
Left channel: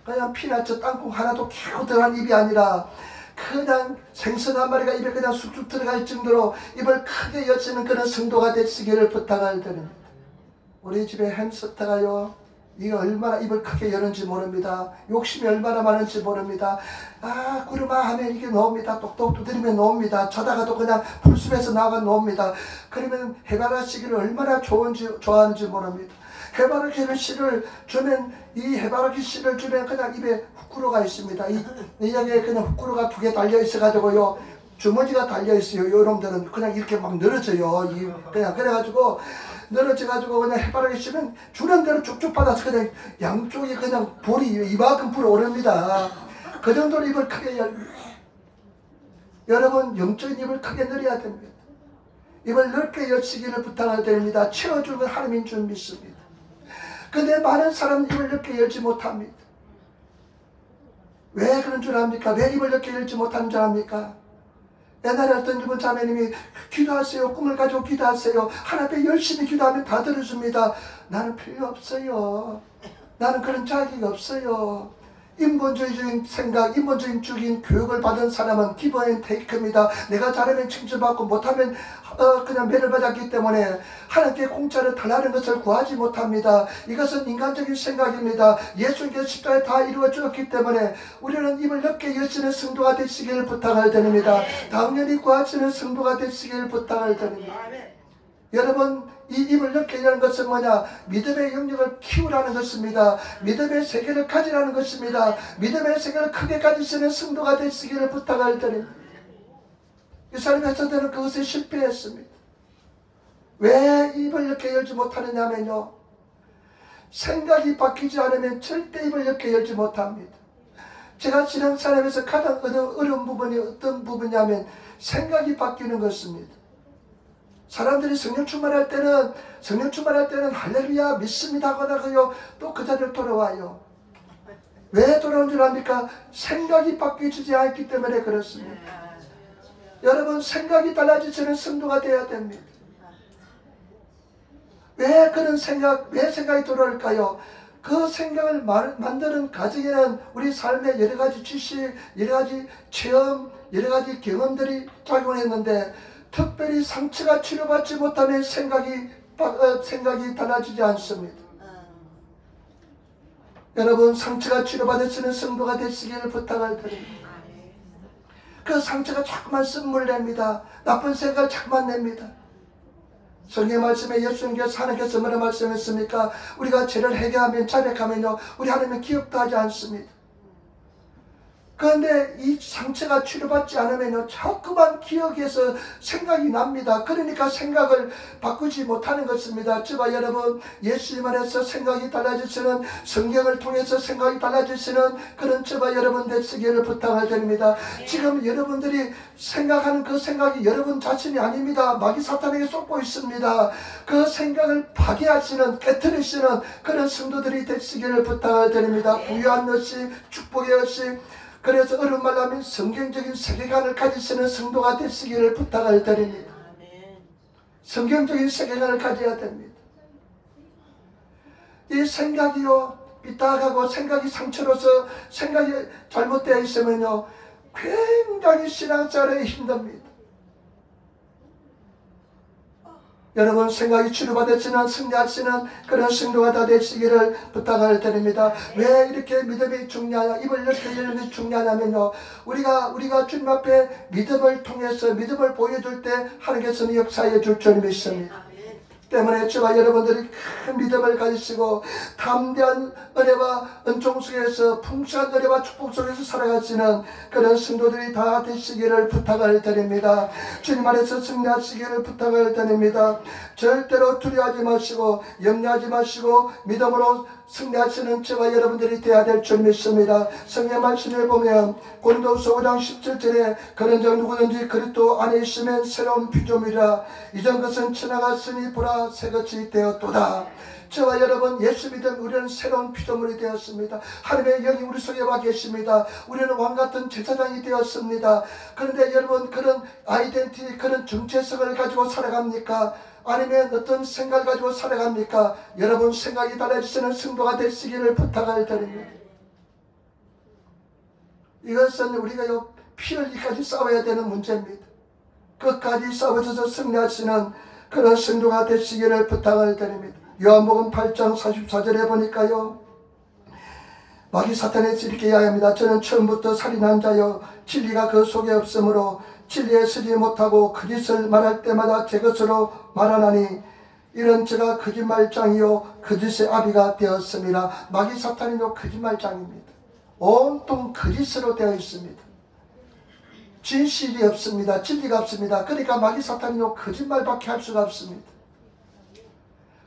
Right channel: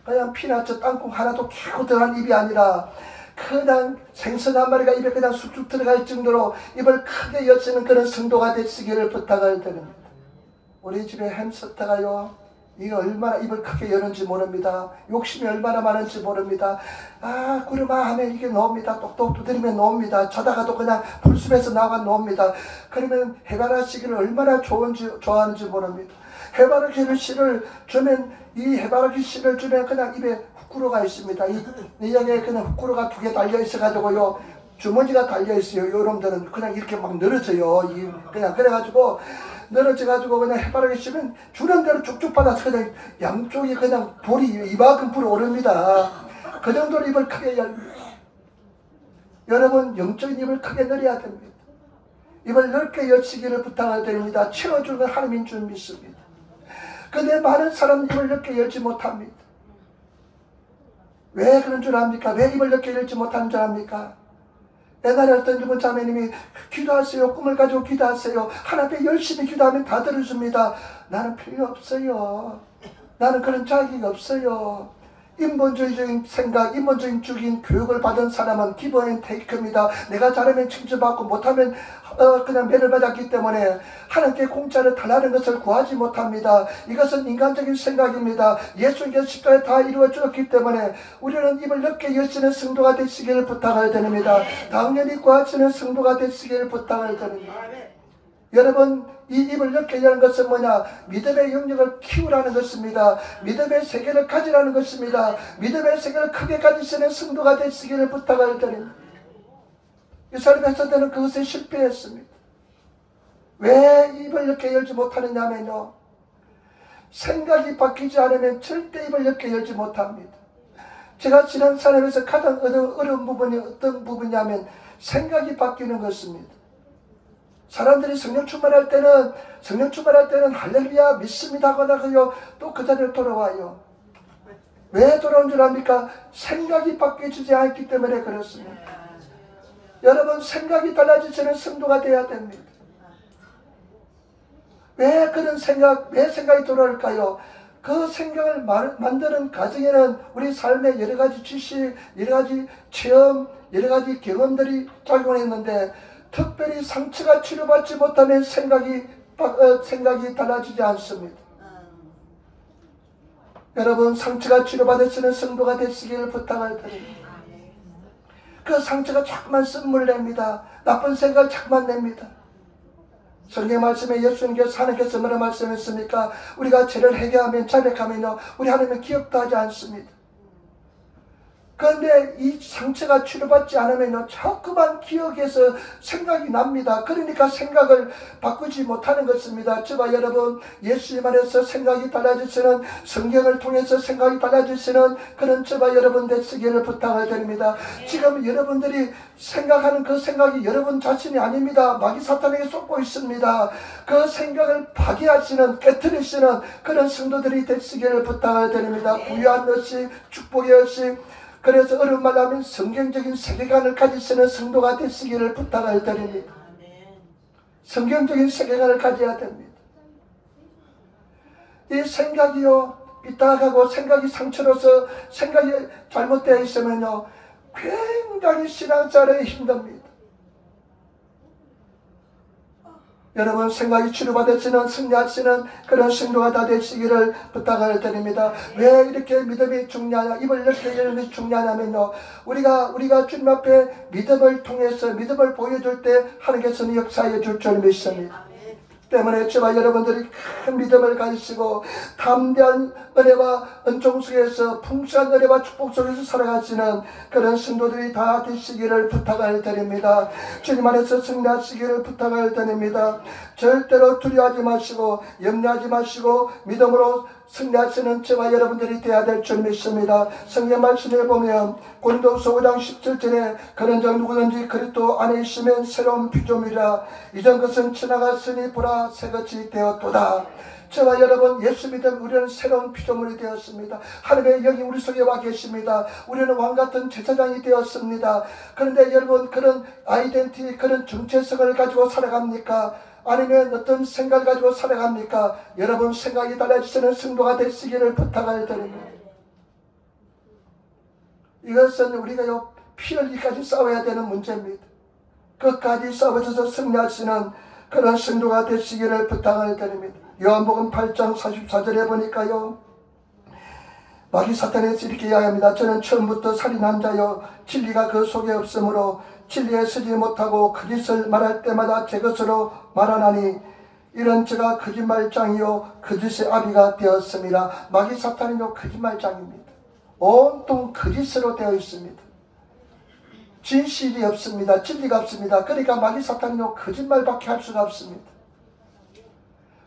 그냥 피나처 땅콩 하나도 키고 들어간 입이 아니라 그냥 생선 한 마리가 입에 그냥 쑥쑥 들어갈 정도로 입을 크게 여시는 그런 성도가 되시기를 부탁을 드립니다. 우리 집에 햄스터가요 이게 얼마나 입을 크게 여는지 모릅니다. 욕심이 얼마나 많은지 모릅니다. 아, 구름아 하면 이게 놓습니다. 똑똑 두드리면 놓습니다. 자다가도 그냥 불숨에서 나가 놓습니다. 그러면 해바라기 씨를 얼마나 좋아하는지 모릅니다. 해바라기 씨를 주면, 이 해바라기 씨를 주면 그냥 입에 후쿠로가 있습니다. 이 여기에 그냥 후쿠로가 2개 달려 있어가지고요, 주머니가 달려 있어요. 요놈들은 그냥 이렇게 막 늘어져요. 그냥 그래가지고 늘어져가지고 그냥 해바라기 씨는 주는 대로 쭉쭉 받아서 그냥 양쪽이 그냥 볼이 이만큼 불 오릅니다. 그 정도로 입을 크게 열면, 여러분 영적인 입을 크게 늘려야 됩니다. 입을 넓게 여시기를 부탁을 드립니다. 채워주는 하나님인 줄 믿습니다. 근데 많은 사람은 입을 넓게 열지 못합니다. 왜 그런 줄 압니까? 왜 입을 넓게 열지 못하는 줄 압니까? 옛날에 어떤 주부 자매님이 기도하세요. 꿈을 가지고 기도하세요. 하나님 앞에 열심히 기도하면 다 들어줍니다. 나는 필요 없어요. 나는 그런 자격이 없어요. 인본주의적인 생각, 인본주의적인 교육을 받은 사람은 기브 앤 테이크입니다. 내가 잘하면 칭찬받고 못하면 그냥 매를 받았기 때문에 하나님께 공짜를 달라는 것을 구하지 못합니다. 이것은 인간적인 생각입니다. 예수님께서 십자가에 다 이루어 주었기 때문에 우리는 입을 넓게 여시는 성도가 되시기를 부탁을 드립니다. 당연히 구하시는 성도가 되시기를 부탁을 드립니다. 여러분, 이 입을 넓게 여는 것은 뭐냐? 믿음의 영역을 키우라는 것입니다. 믿음의 세계를 가지라는 것입니다. 믿음의 세계를 크게 가지시는 성도가 되시기를 부탁을 드립니다. 이스라엘 백성들은 그것에 실패했습니다. 왜 입을 넓게 열지 못하느냐면요, 생각이 바뀌지 않으면 절대 입을 넓게 열지 못합니다. 제가 신앙생활에서 가장 어려운 부분이 어떤 부분이냐면 생각이 바뀌는 것입니다. 사람들이 성령 충만할 때는 할렐루야 믿습니다 하고요, 또 그 자리로 돌아와요. 왜 돌아온 줄 압니까? 생각이 바뀌지 않기 때문에 그렇습니다. 여러분, 생각이 달라지시는 성도가 되어야 됩니다. 왜 생각이 돌아올까요? 그 생각을 만드는 과정에는 우리 삶의 여러 가지 지식, 여러 가지 체험, 여러 가지 경험들이 작용했는데, 특별히 상처가 치료받지 못하면 생각이 달라지지 않습니다. 여러분, 상처가 치료받으시는 성도가 되시기를 부탁을 드립니다. 그 상처가 자꾸만 쓴물 냅니다. 나쁜 생각을 자꾸만 냅니다. 성경 말씀에 예수님께서 하나님께서 뭐라 말씀했습니까? 우리가 죄를 회개하면 자백하면요, 우리 하나님은 기억도 하지 않습니다. 그런데 이 상처가 치료받지 않으면 자꾸만 기억에서 생각이 납니다. 그러니까 생각을 바꾸지 못하는 것입니다. 저와 여러분, 예수님 안에서 생각이 달라지시는, 성경을 통해서 생각이 달라지시는 그런 저와 여러분 되시기를 부탁을 드립니다. 지금 여러분들이 생각하는 그 생각이 여러분 자신이 아닙니다. 마귀 사탄에게 쏟고 있습니다. 그 생각을 파괴하시는, 깨트리시는 그런 성도들이 되시기를 부탁을 드립니다. 부유한 것이, 축복의 것이, 그래서 어려운 말 하면 성경적인 세계관을 가지시는 성도가 되시기를 부탁을 드립니다. 성경적인 세계관을 가져야 됩니다. 이 생각이요, 삐딱하고 생각이 상처로서 생각이 잘못되어 있으면요, 굉장히 신앙생활에 힘듭니다. 여러분, 생각이 치료받으시는, 승리하시는 그런 성도가 다 되시기를 부탁을 드립니다. 왜 이렇게 믿음이 중요하냐, 입을 넓게 열는 것이 중요하냐면요, 우리가 주님 앞에 믿음을 통해서 믿음을 보여줄 때 하나님께서는 역사해 줄 줄 믿습니다. 때문에 저와 여러분들이 큰 믿음을 가지시고 담대한 은혜와 은총 속에서 풍성한 은혜와 축복 속에서 살아가시는 그런 성도들이 다 되시기를 부탁을 드립니다. 주님 안에서 승리하시기를 부탁을 드립니다. 절대로 두려워하지 마시고 염려하지 마시고 믿음으로 승리하시는 저와 여러분들이 되어야 될 줄 믿습니다. 성경 말씀에 보면 고린도후서 5장 17절에 그런즉 누구든지 그리스도 안에 있으면 새로운 피조물이라 이전 것은 지나갔으니 보라 새것이 되었도다. 저와 여러분, 예수 믿은 우리는 새로운 피조물이 되었습니다. 하나님의 영이 우리 속에 와 계십니다. 우리는 왕같은 제사장이 되었습니다. 그런데 여러분, 그런 아이덴티티, 그런 정체성을 가지고 살아갑니까? 아니면 어떤 생각을 가지고 살아갑니까? 여러분, 생각이 달라지시는 성도가 되시기를 부탁을 드립니다. 이것은 우리가 피 흘리기까지 싸워야 되는 문제입니다. 끝까지 싸워져서 승리하시는 그런 성도가 되시기를 부탁을 드립니다. 요한복음 8장 44절에 보니까요, 마귀 사탄에서 이렇게 이야기합니다. 저는 처음부터 살인한 자요 진리가 그 속에 없으므로 진리에 서지 못하고 거짓을 말할 때마다 제 것으로 말하나니 이런 제가 거짓말장이요 거짓의 아비가 되었습니다. 마귀 사탄은요 거짓말장입니다. 온통 거짓으로 되어 있습니다. 진실이 없습니다. 진리가 없습니다. 그러니까 마귀 사탄은요 거짓말밖에 할 수가 없습니다.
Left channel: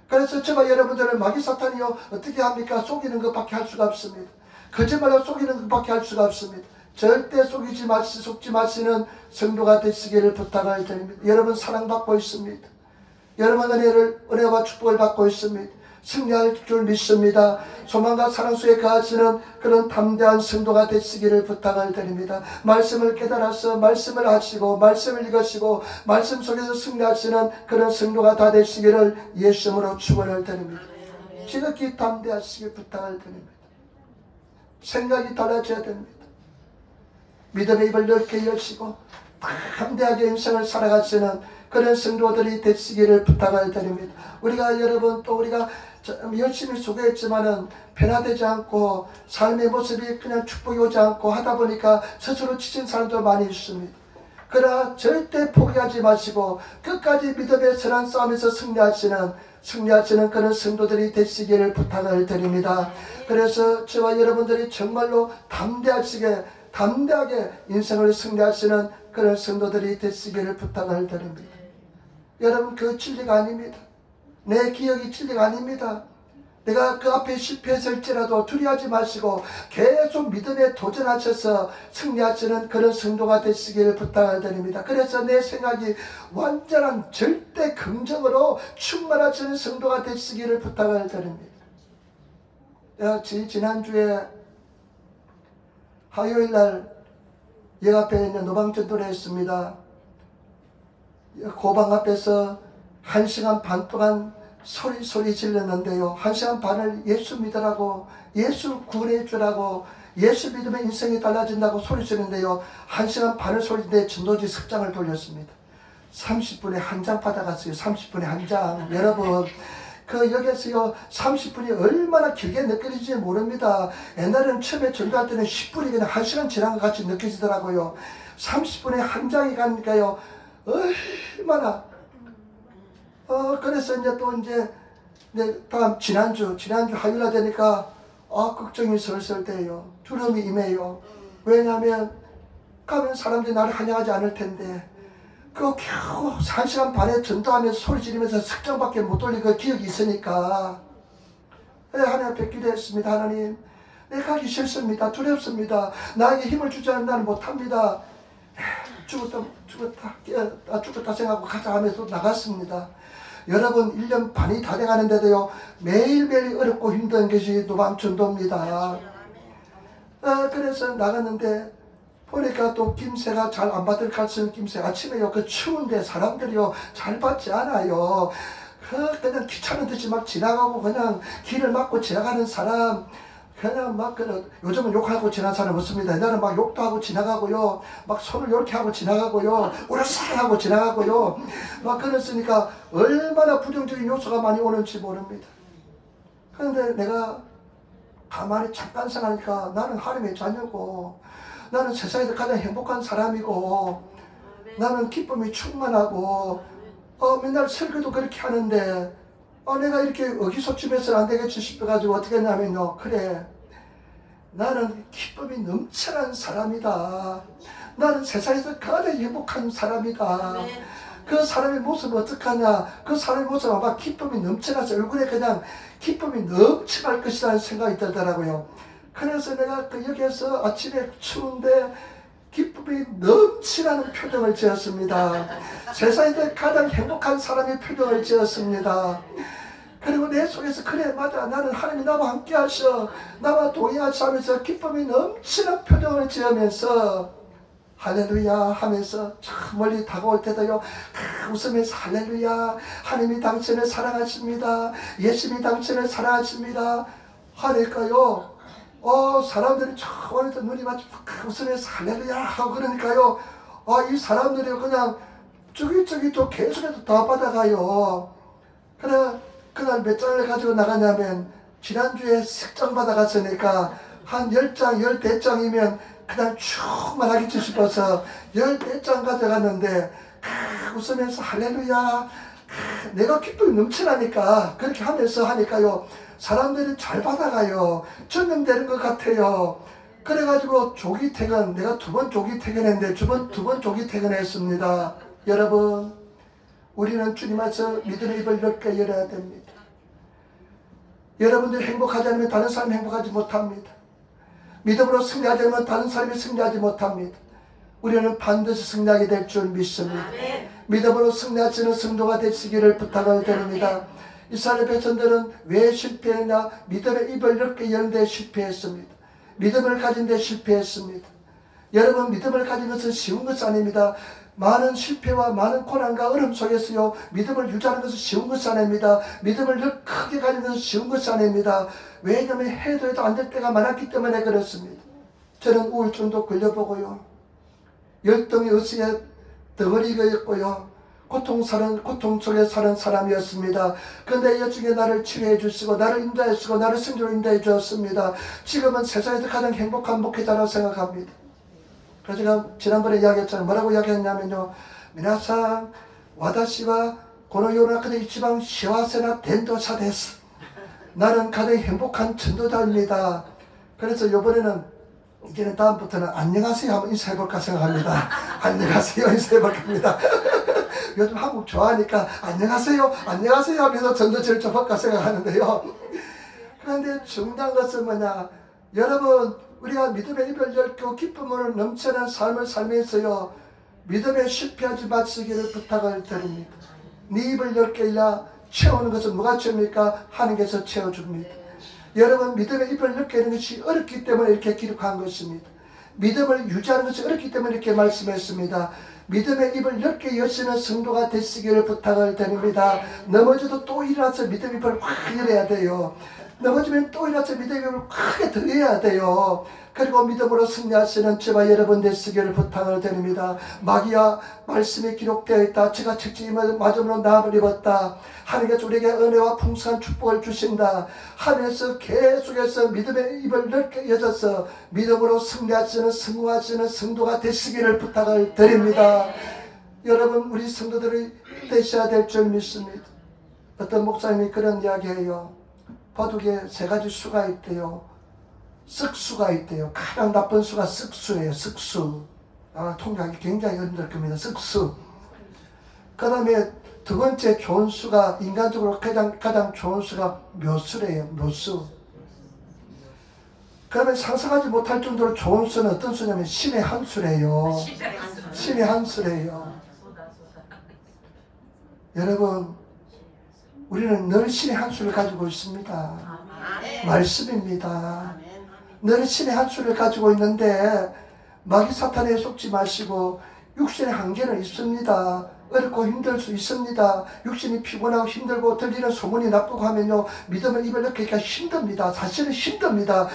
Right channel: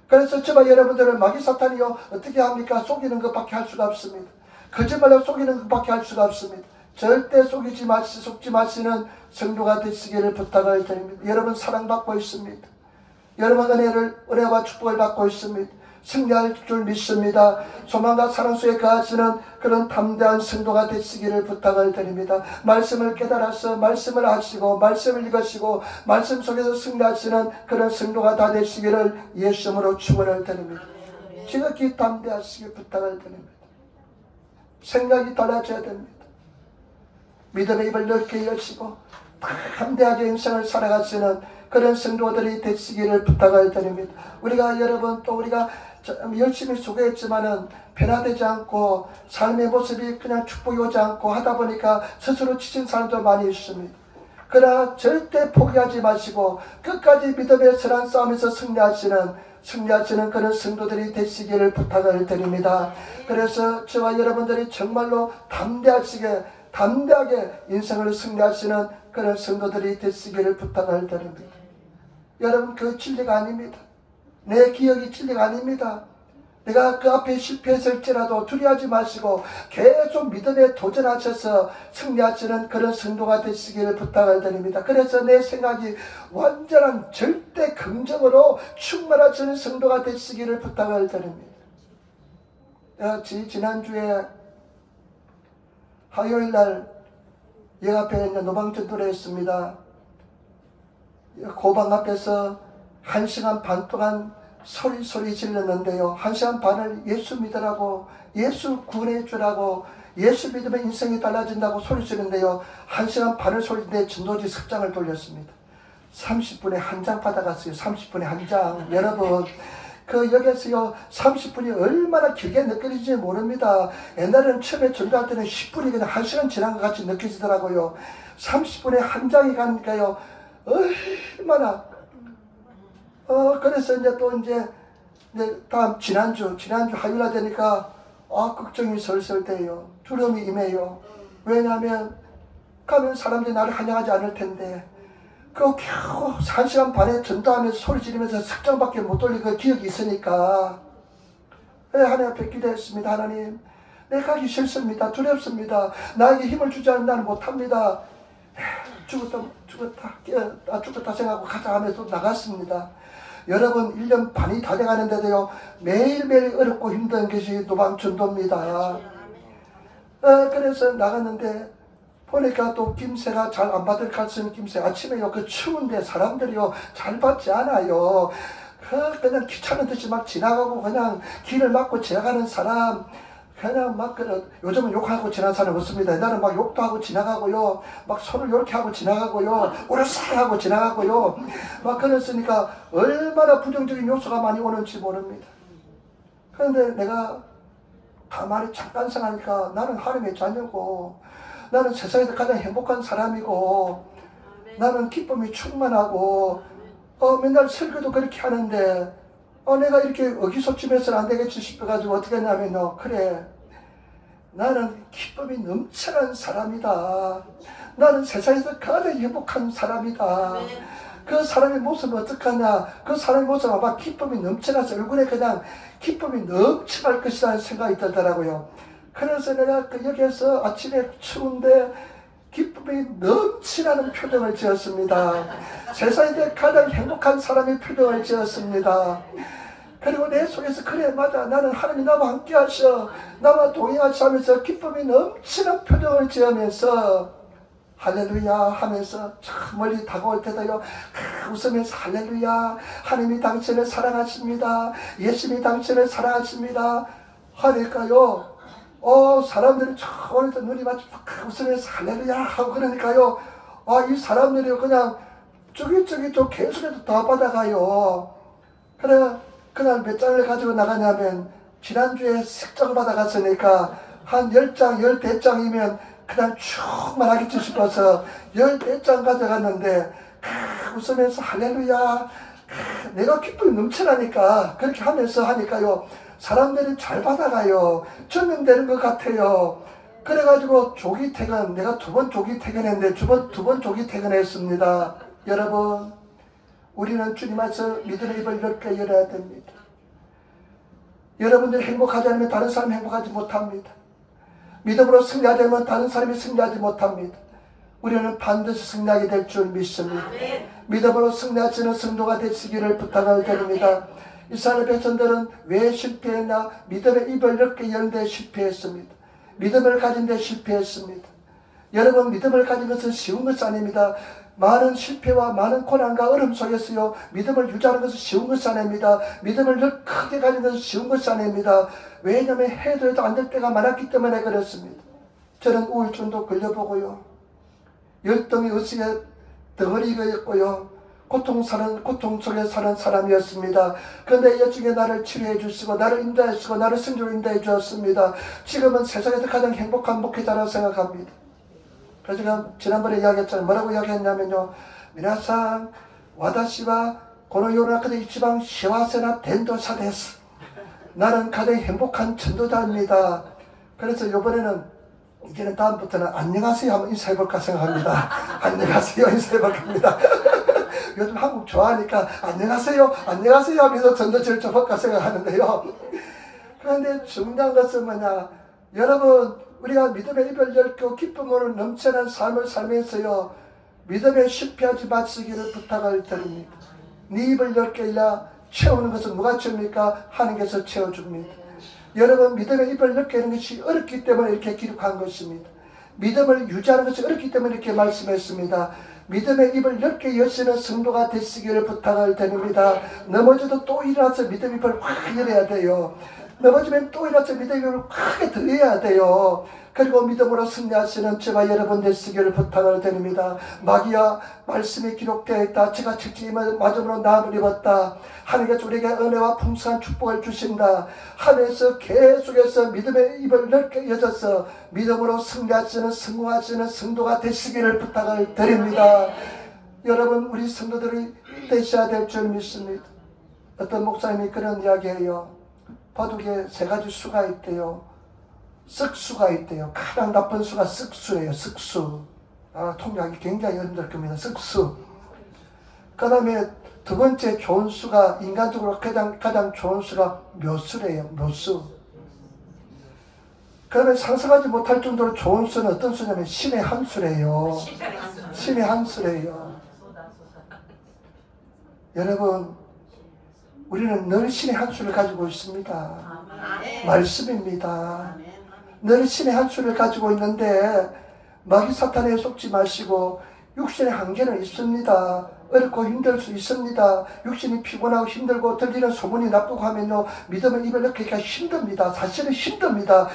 그래서 저와 여러분들은 마귀 사탄이요 어떻게 합니까? 속이는 것밖에 할 수가 없습니다. 거짓말로 속이는 것밖에 할 수가 없습니다. 절대 속지 마시는 성도가 되시기를 부탁을 드립니다. 여러분 사랑받고 있습니다. 여러분 은혜와 축복을 받고 있습니다. 승리할 줄 믿습니다. 소망과 사랑 속에 거하시는 그런 담대한 성도가 되시기를 부탁을 드립니다. 말씀을 깨달아서 말씀을 하시고 말씀을 읽으시고 말씀 속에서 승리하시는 그런 성도가 다 되시기를 예수님으로 축원을 드립니다. 지극히 담대하시길 부탁을 드립니다. 생각이 달라져야 됩니다. 믿음의 입을 넓게 여시고 담대하게 인생을 살아가시는 그런 성도들이 되시기를 부탁을 드립니다. 우리가 여러분 또 우리가 열심히 수고했지만은 변화되지 않고 삶의 모습이 그냥 축복이 오지 않고 하다 보니까 스스로 지친 사람도 많이 있습니다. 그러나 절대 포기하지 마시고 끝까지 믿음의 선한 싸움에서 승리하시는 그런 성도들이 되시기를 부탁을 드립니다. 그래서 저와 여러분들이 정말로 담대하게 인생을 승리하시는 그런 성도들이 되시기를 부탁을 드립니다. 여러분 그 진리가 아닙니다. 내 기억이 진리가 아닙니다. 내가 그 앞에 실패했을지라도 두려워하지 마시고 계속 믿음에 도전하셔서 승리하시는 그런 성도가 되시기를 부탁을 드립니다. 그래서 내 생각이 완전한 절대 긍정으로 충만하시는 성도가 되시기를 부탁을 드립니다. 내가 지난주에 화요일날 역 앞에 있는 노방전도를 했습니다. 고방 앞에서 1시간 반 동안 소리 질렀는데요. 1시간 반을 예수 믿으라고, 예수 구원해 주라고, 예수 믿으면 인생이 달라진다고 소리 지르는데요. 1시간 반을 소리인데 전도지 석장을 돌렸습니다. 30분에 한 장 받아갔어요. 30분에 한 장. 여러분 그 역에서요 30분이 얼마나 길게 느껴질지 모릅니다. 옛날에는 처음에 전도할 때는 10분이 그냥 1시간 지난 것 같이 느껴지더라고요. 30분에 한 장이 가니까요 얼마나 그래서 다음 지난주 화요일날 되니까 걱정이 슬슬 돼요. 두려움이 임해요. 왜냐하면 가면 사람들이 나를 환영하지 않을 텐데 겨우 1시간 반에 전도하면서 소리 지르면서 석장밖에 못 돌린 그 기억이 있으니까 하나님 앞에 기도했습니다. 하나님 내가 가기 싫습니다. 두렵습니다. 나에게 힘을 주지 않으면 나는 못합니다. 죽었다 생각하고 가자 하면서 나갔습니다. 여러분 1년 반이 다 돼가는데도요 매일매일 어렵고 힘든 것이 노방전도입니다. 그래서 나갔는데 보니까 또 김새가 잘 안 받을 것 같은 김새. 아침에요 그 추운데 사람들이요 잘 받지 않아요. 그냥 귀찮은 듯이 막 지나가고 그냥 길을 막고 지나가는 사람 그냥 막 요즘은 욕하고 지나가는 사람 없습니다. 옛날에 막 욕도 하고 지나가고요. 막 손을 이렇게 하고 지나가고요. 우르르 하고 지나가고요. 막 그랬으니까 얼마나 부정적인 요소가 많이 오는지 모릅니다. 그런데 내가 가만히 잠깐 생각하니까 나는 하나님의 자녀고 나는 세상에서 가장 행복한 사람이고 나는 기쁨이 충만하고 맨날 설교도 그렇게 하는데 내가 이렇게 의기소침해서는 안 되겠지 싶어가지고 어떻게 했냐면요. 그래 나는 기쁨이 넘쳐난 사람이다. 나는 세상에서 가장 행복한 사람이다. 그 사람의 모습은 어떡하냐. 그 사람의 모습은 아마 기쁨이 넘쳐나서 얼굴에 그냥 기쁨이 넘쳐날 것이라는 생각이 들더라고요. 그래서 내가 여기에서 아침에 추운데 기쁨이 넘치나는 표정을 지었습니다. 세상에서 가장 행복한 사람의 표정을 지었습니다. 그리고 내 속에서 그래 맞아 나는 하나님이 나와 함께 하셔 나와 동행하셔 하면서 기쁨이 넘치는 표정을 지으면서 할렐루야 하면서 참 멀리 다가올 때도요 웃으면서 할렐루야 하나님이 당신을 사랑하십니다. 예수님이 당신을 사랑하십니다. 하니까요 사람들이 오늘도 눈이 마치 웃으면서 할렐루야 하고 그러니까요 이 사람들이 그냥 저기 또 계속해서 다 받아가요. 그래 그날 몇 장을 가지고 나가냐면 지난주에 색장 받아갔으니까 한 10장, 14장이면 그냥 충만하겠지 싶어서 14장 가져갔는데 웃으면서 할렐루야 내가 기쁨이 넘쳐나니까 그렇게 하면서 하니까요 사람들이 잘 받아가요. 적용되는 것 같아요. 그래가지고 조기 퇴근, 내가 2번 조기 퇴근했는데 두 번 조기 퇴근했습니다. 여러분 우리는 주님 안에서 믿음의 입을 넓게 열어야 됩니다. 여러분들이 행복하지 않으면 다른 사람이 행복하지 못합니다. 믿음으로 승리하지 않으면 다른 사람이 승리하지 못합니다. 우리는 반드시 승리하게 될 줄 믿습니다. 믿음으로 승리하시는 성도가 되시기를 부탁을 드립니다. 이스라엘 백성들은 왜 실패했나? 믿음의 입을 넓게 여는 데 실패했습니다. 믿음을 가진 데 실패했습니다. 여러분 믿음을 가진 것은 쉬운 것이 아닙니다. 많은 실패와 많은 고난과 어려움 속에서요 믿음을 유지하는 것은 쉬운 것이 아닙니다. 믿음을 늘 크게 가진 것은 쉬운 것이 아닙니다. 왜냐하면 해도 안 될 때가 많았기 때문에 그렇습니다. 저는 우울증도 걸려보고요 열등의 의식에 덩어리가 있고요 고통 속에 사는 사람이었습니다. 그런데 여중에 나를 치료해 주시고 나를 인도해 주시고 나를 승리로 인도해 주었습니다. 지금은 세상에서 가장 행복한 목회자라고 생각합니다. 그래서 제가 지난번에 이야기했잖아요. 뭐라고 이야기했냐면요. 미나상 와다시와 고노요나카데 이치방 시와세나 덴도사 데스. 나는 가장 행복한 전도자입니다. 그래서 이번에는 이제는 다음부터는 안녕하세요 한번 인사해볼까 생각합니다. 안녕하세요 인사해볼까 합니다. 요즘 한국 좋아하니까 안녕하세요 안녕하세요 하면서 전도지를 좀 할까 생각하는데요. 그런데 중요한 것은 뭐냐. 여러분 우리가 믿음의 입을 열고 기쁨으로 넘치는 삶을 살면서요 믿음에 실패하지 마시기를 부탁을 드립니다. 네 입을 열게 야 채우는 것은 누가 채웁니까? 하나님께서 채워줍니다. 여러분 믿음의 입을 열게 하는 것이 어렵기 때문에 이렇게 기록한 것입니다. 믿음을 유지하는 것이 어렵기 때문에 이렇게 말씀했습니다. 믿음의 입을 넓게 여시는 성도가 되시기를 부탁을 드립니다. 넘어져도 또 일어나서 믿음의 입을 확 열어야 돼요. 넘어지면 또 일어나서 믿음의 입을 크게 들여야 돼요. 그리고 믿음으로 승리하시는 저와 여러분 되시기를 부탁을 드립니다. 마귀야 말씀이 기록되어 있다. 제가 직접 맞음으로 나음을 입었다. 하나님께서 우리에게 은혜와 풍성한 축복을 주신다 하면서 계속해서 믿음의 입을 넓게 여셔서 믿음으로 승리하시는 승리하시는 성도가 되시기를 부탁을 드립니다. 여러분 우리 성도들이 되셔야 될 줄 믿습니다. 어떤 목사님이 그런 이야기해요. 바둑에 3가지 수가 있대요. 쓱수가 있대요. 가장 나쁜 수가 쓱수예요. 쓱수. 통역하기 굉장히 힘들 겁니다. 쓱수. 그 다음에 2번째 좋은 수가 인간적으로 가장 좋은 수가 묘수래요. 묘수. 그러면 상상하지 못할 정도로 좋은 수는 어떤 수냐면 신의 한 수래요. 신의 한 수래요. 여러분 우리는 늘 신의 한 수를 가지고 있습니다. 말씀입니다. 늘 신의 한 수를 가지고 있는데 마귀 사탄에 속지 마시고 육신의 한계는 있습니다. 어렵고 힘들 수 있습니다. 육신이 피곤하고 힘들고 들리는 소문이 나쁘고 하면요 믿음을 입을 넣기가 힘듭니다. 사실은 힘듭니다.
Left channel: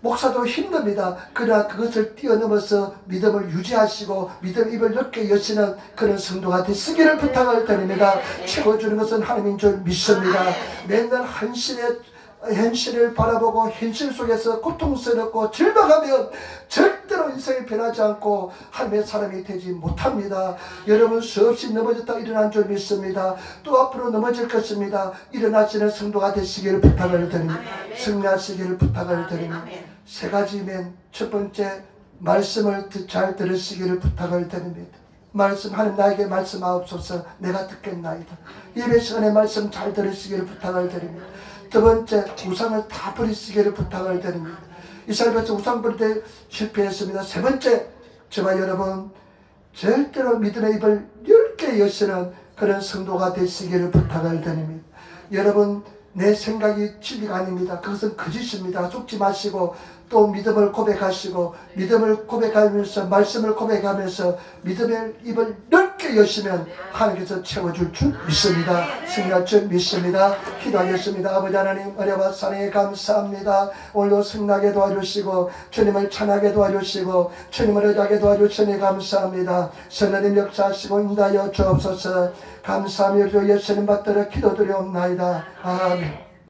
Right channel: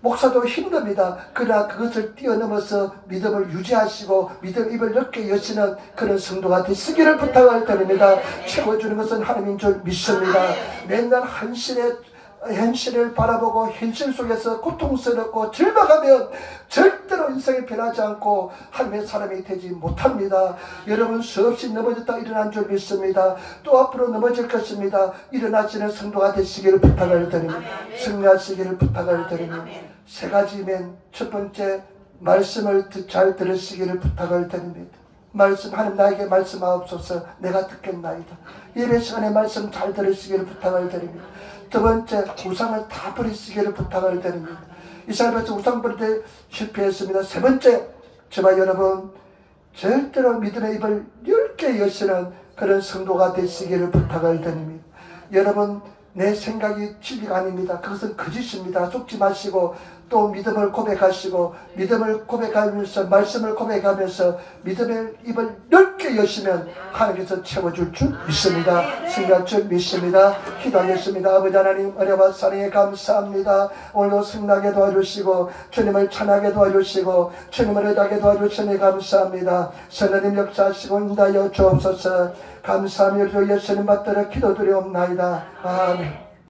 목사도 힘듭니다. 그러나 그것을 뛰어넘어서 믿음을 유지하시고 믿음 입을 넓게 여시는 그런 성도가 되시기를 부탁을 드립니다. 채워주는 것은 하나님인 줄 믿습니다. 맨날 현실을 바라보고 현실 속에서 고통스럽고 절망하면 절대로 인생이 변하지 않고 하나님의 사람이 되지 못합니다. 여러분 수없이 넘어졌다 일어난 줄 믿습니다. 또 앞으로 넘어질 것입니다. 일어나시는 성도가 되시기를 부탁을 드립니다. 승리하시기를 부탁을 드립니다. 3가지면 첫 번째 말씀을 잘 들으시기를 부탁을 드립니다. 말씀 하나님 나에게 말씀하옵소서. 내가 듣겠나이다. 예배 시간에 말씀 잘 들으시기를 부탁을 드립니다. 2번째 우상을 다 버리시기를 부탁을 드립니다. 이스라엘에서 우상 버릴 때 실패했습니다. 3번째 저와 여러분 절대로 믿음의 입을 넓게 여시는 그런 성도가 되시기를 부탁을 드립니다. 여러분 내 생각이 진리가 아닙니다. 그것은 거짓입니다. 속지 마시고 또 믿음을 고백하시고 믿음을 고백하면서 말씀을 고백하면서 믿음의 입을 넓게 여시면 하나님께서 채워줄 줄 믿습니다. 승리할 줄 믿습니다. 기도하겠습니다. 아버지 하나님 은혜와 사랑에 감사합니다. 오늘도 승리하게 도와주시고 주님을 찬하게 도와주시고 주님을 의지하게 도와주시니 감사합니다. 성령님 역사하시고 인도하여 주옵소서. 감사하며 주 예수님 받들어 기도드리옵나이다. 아멘.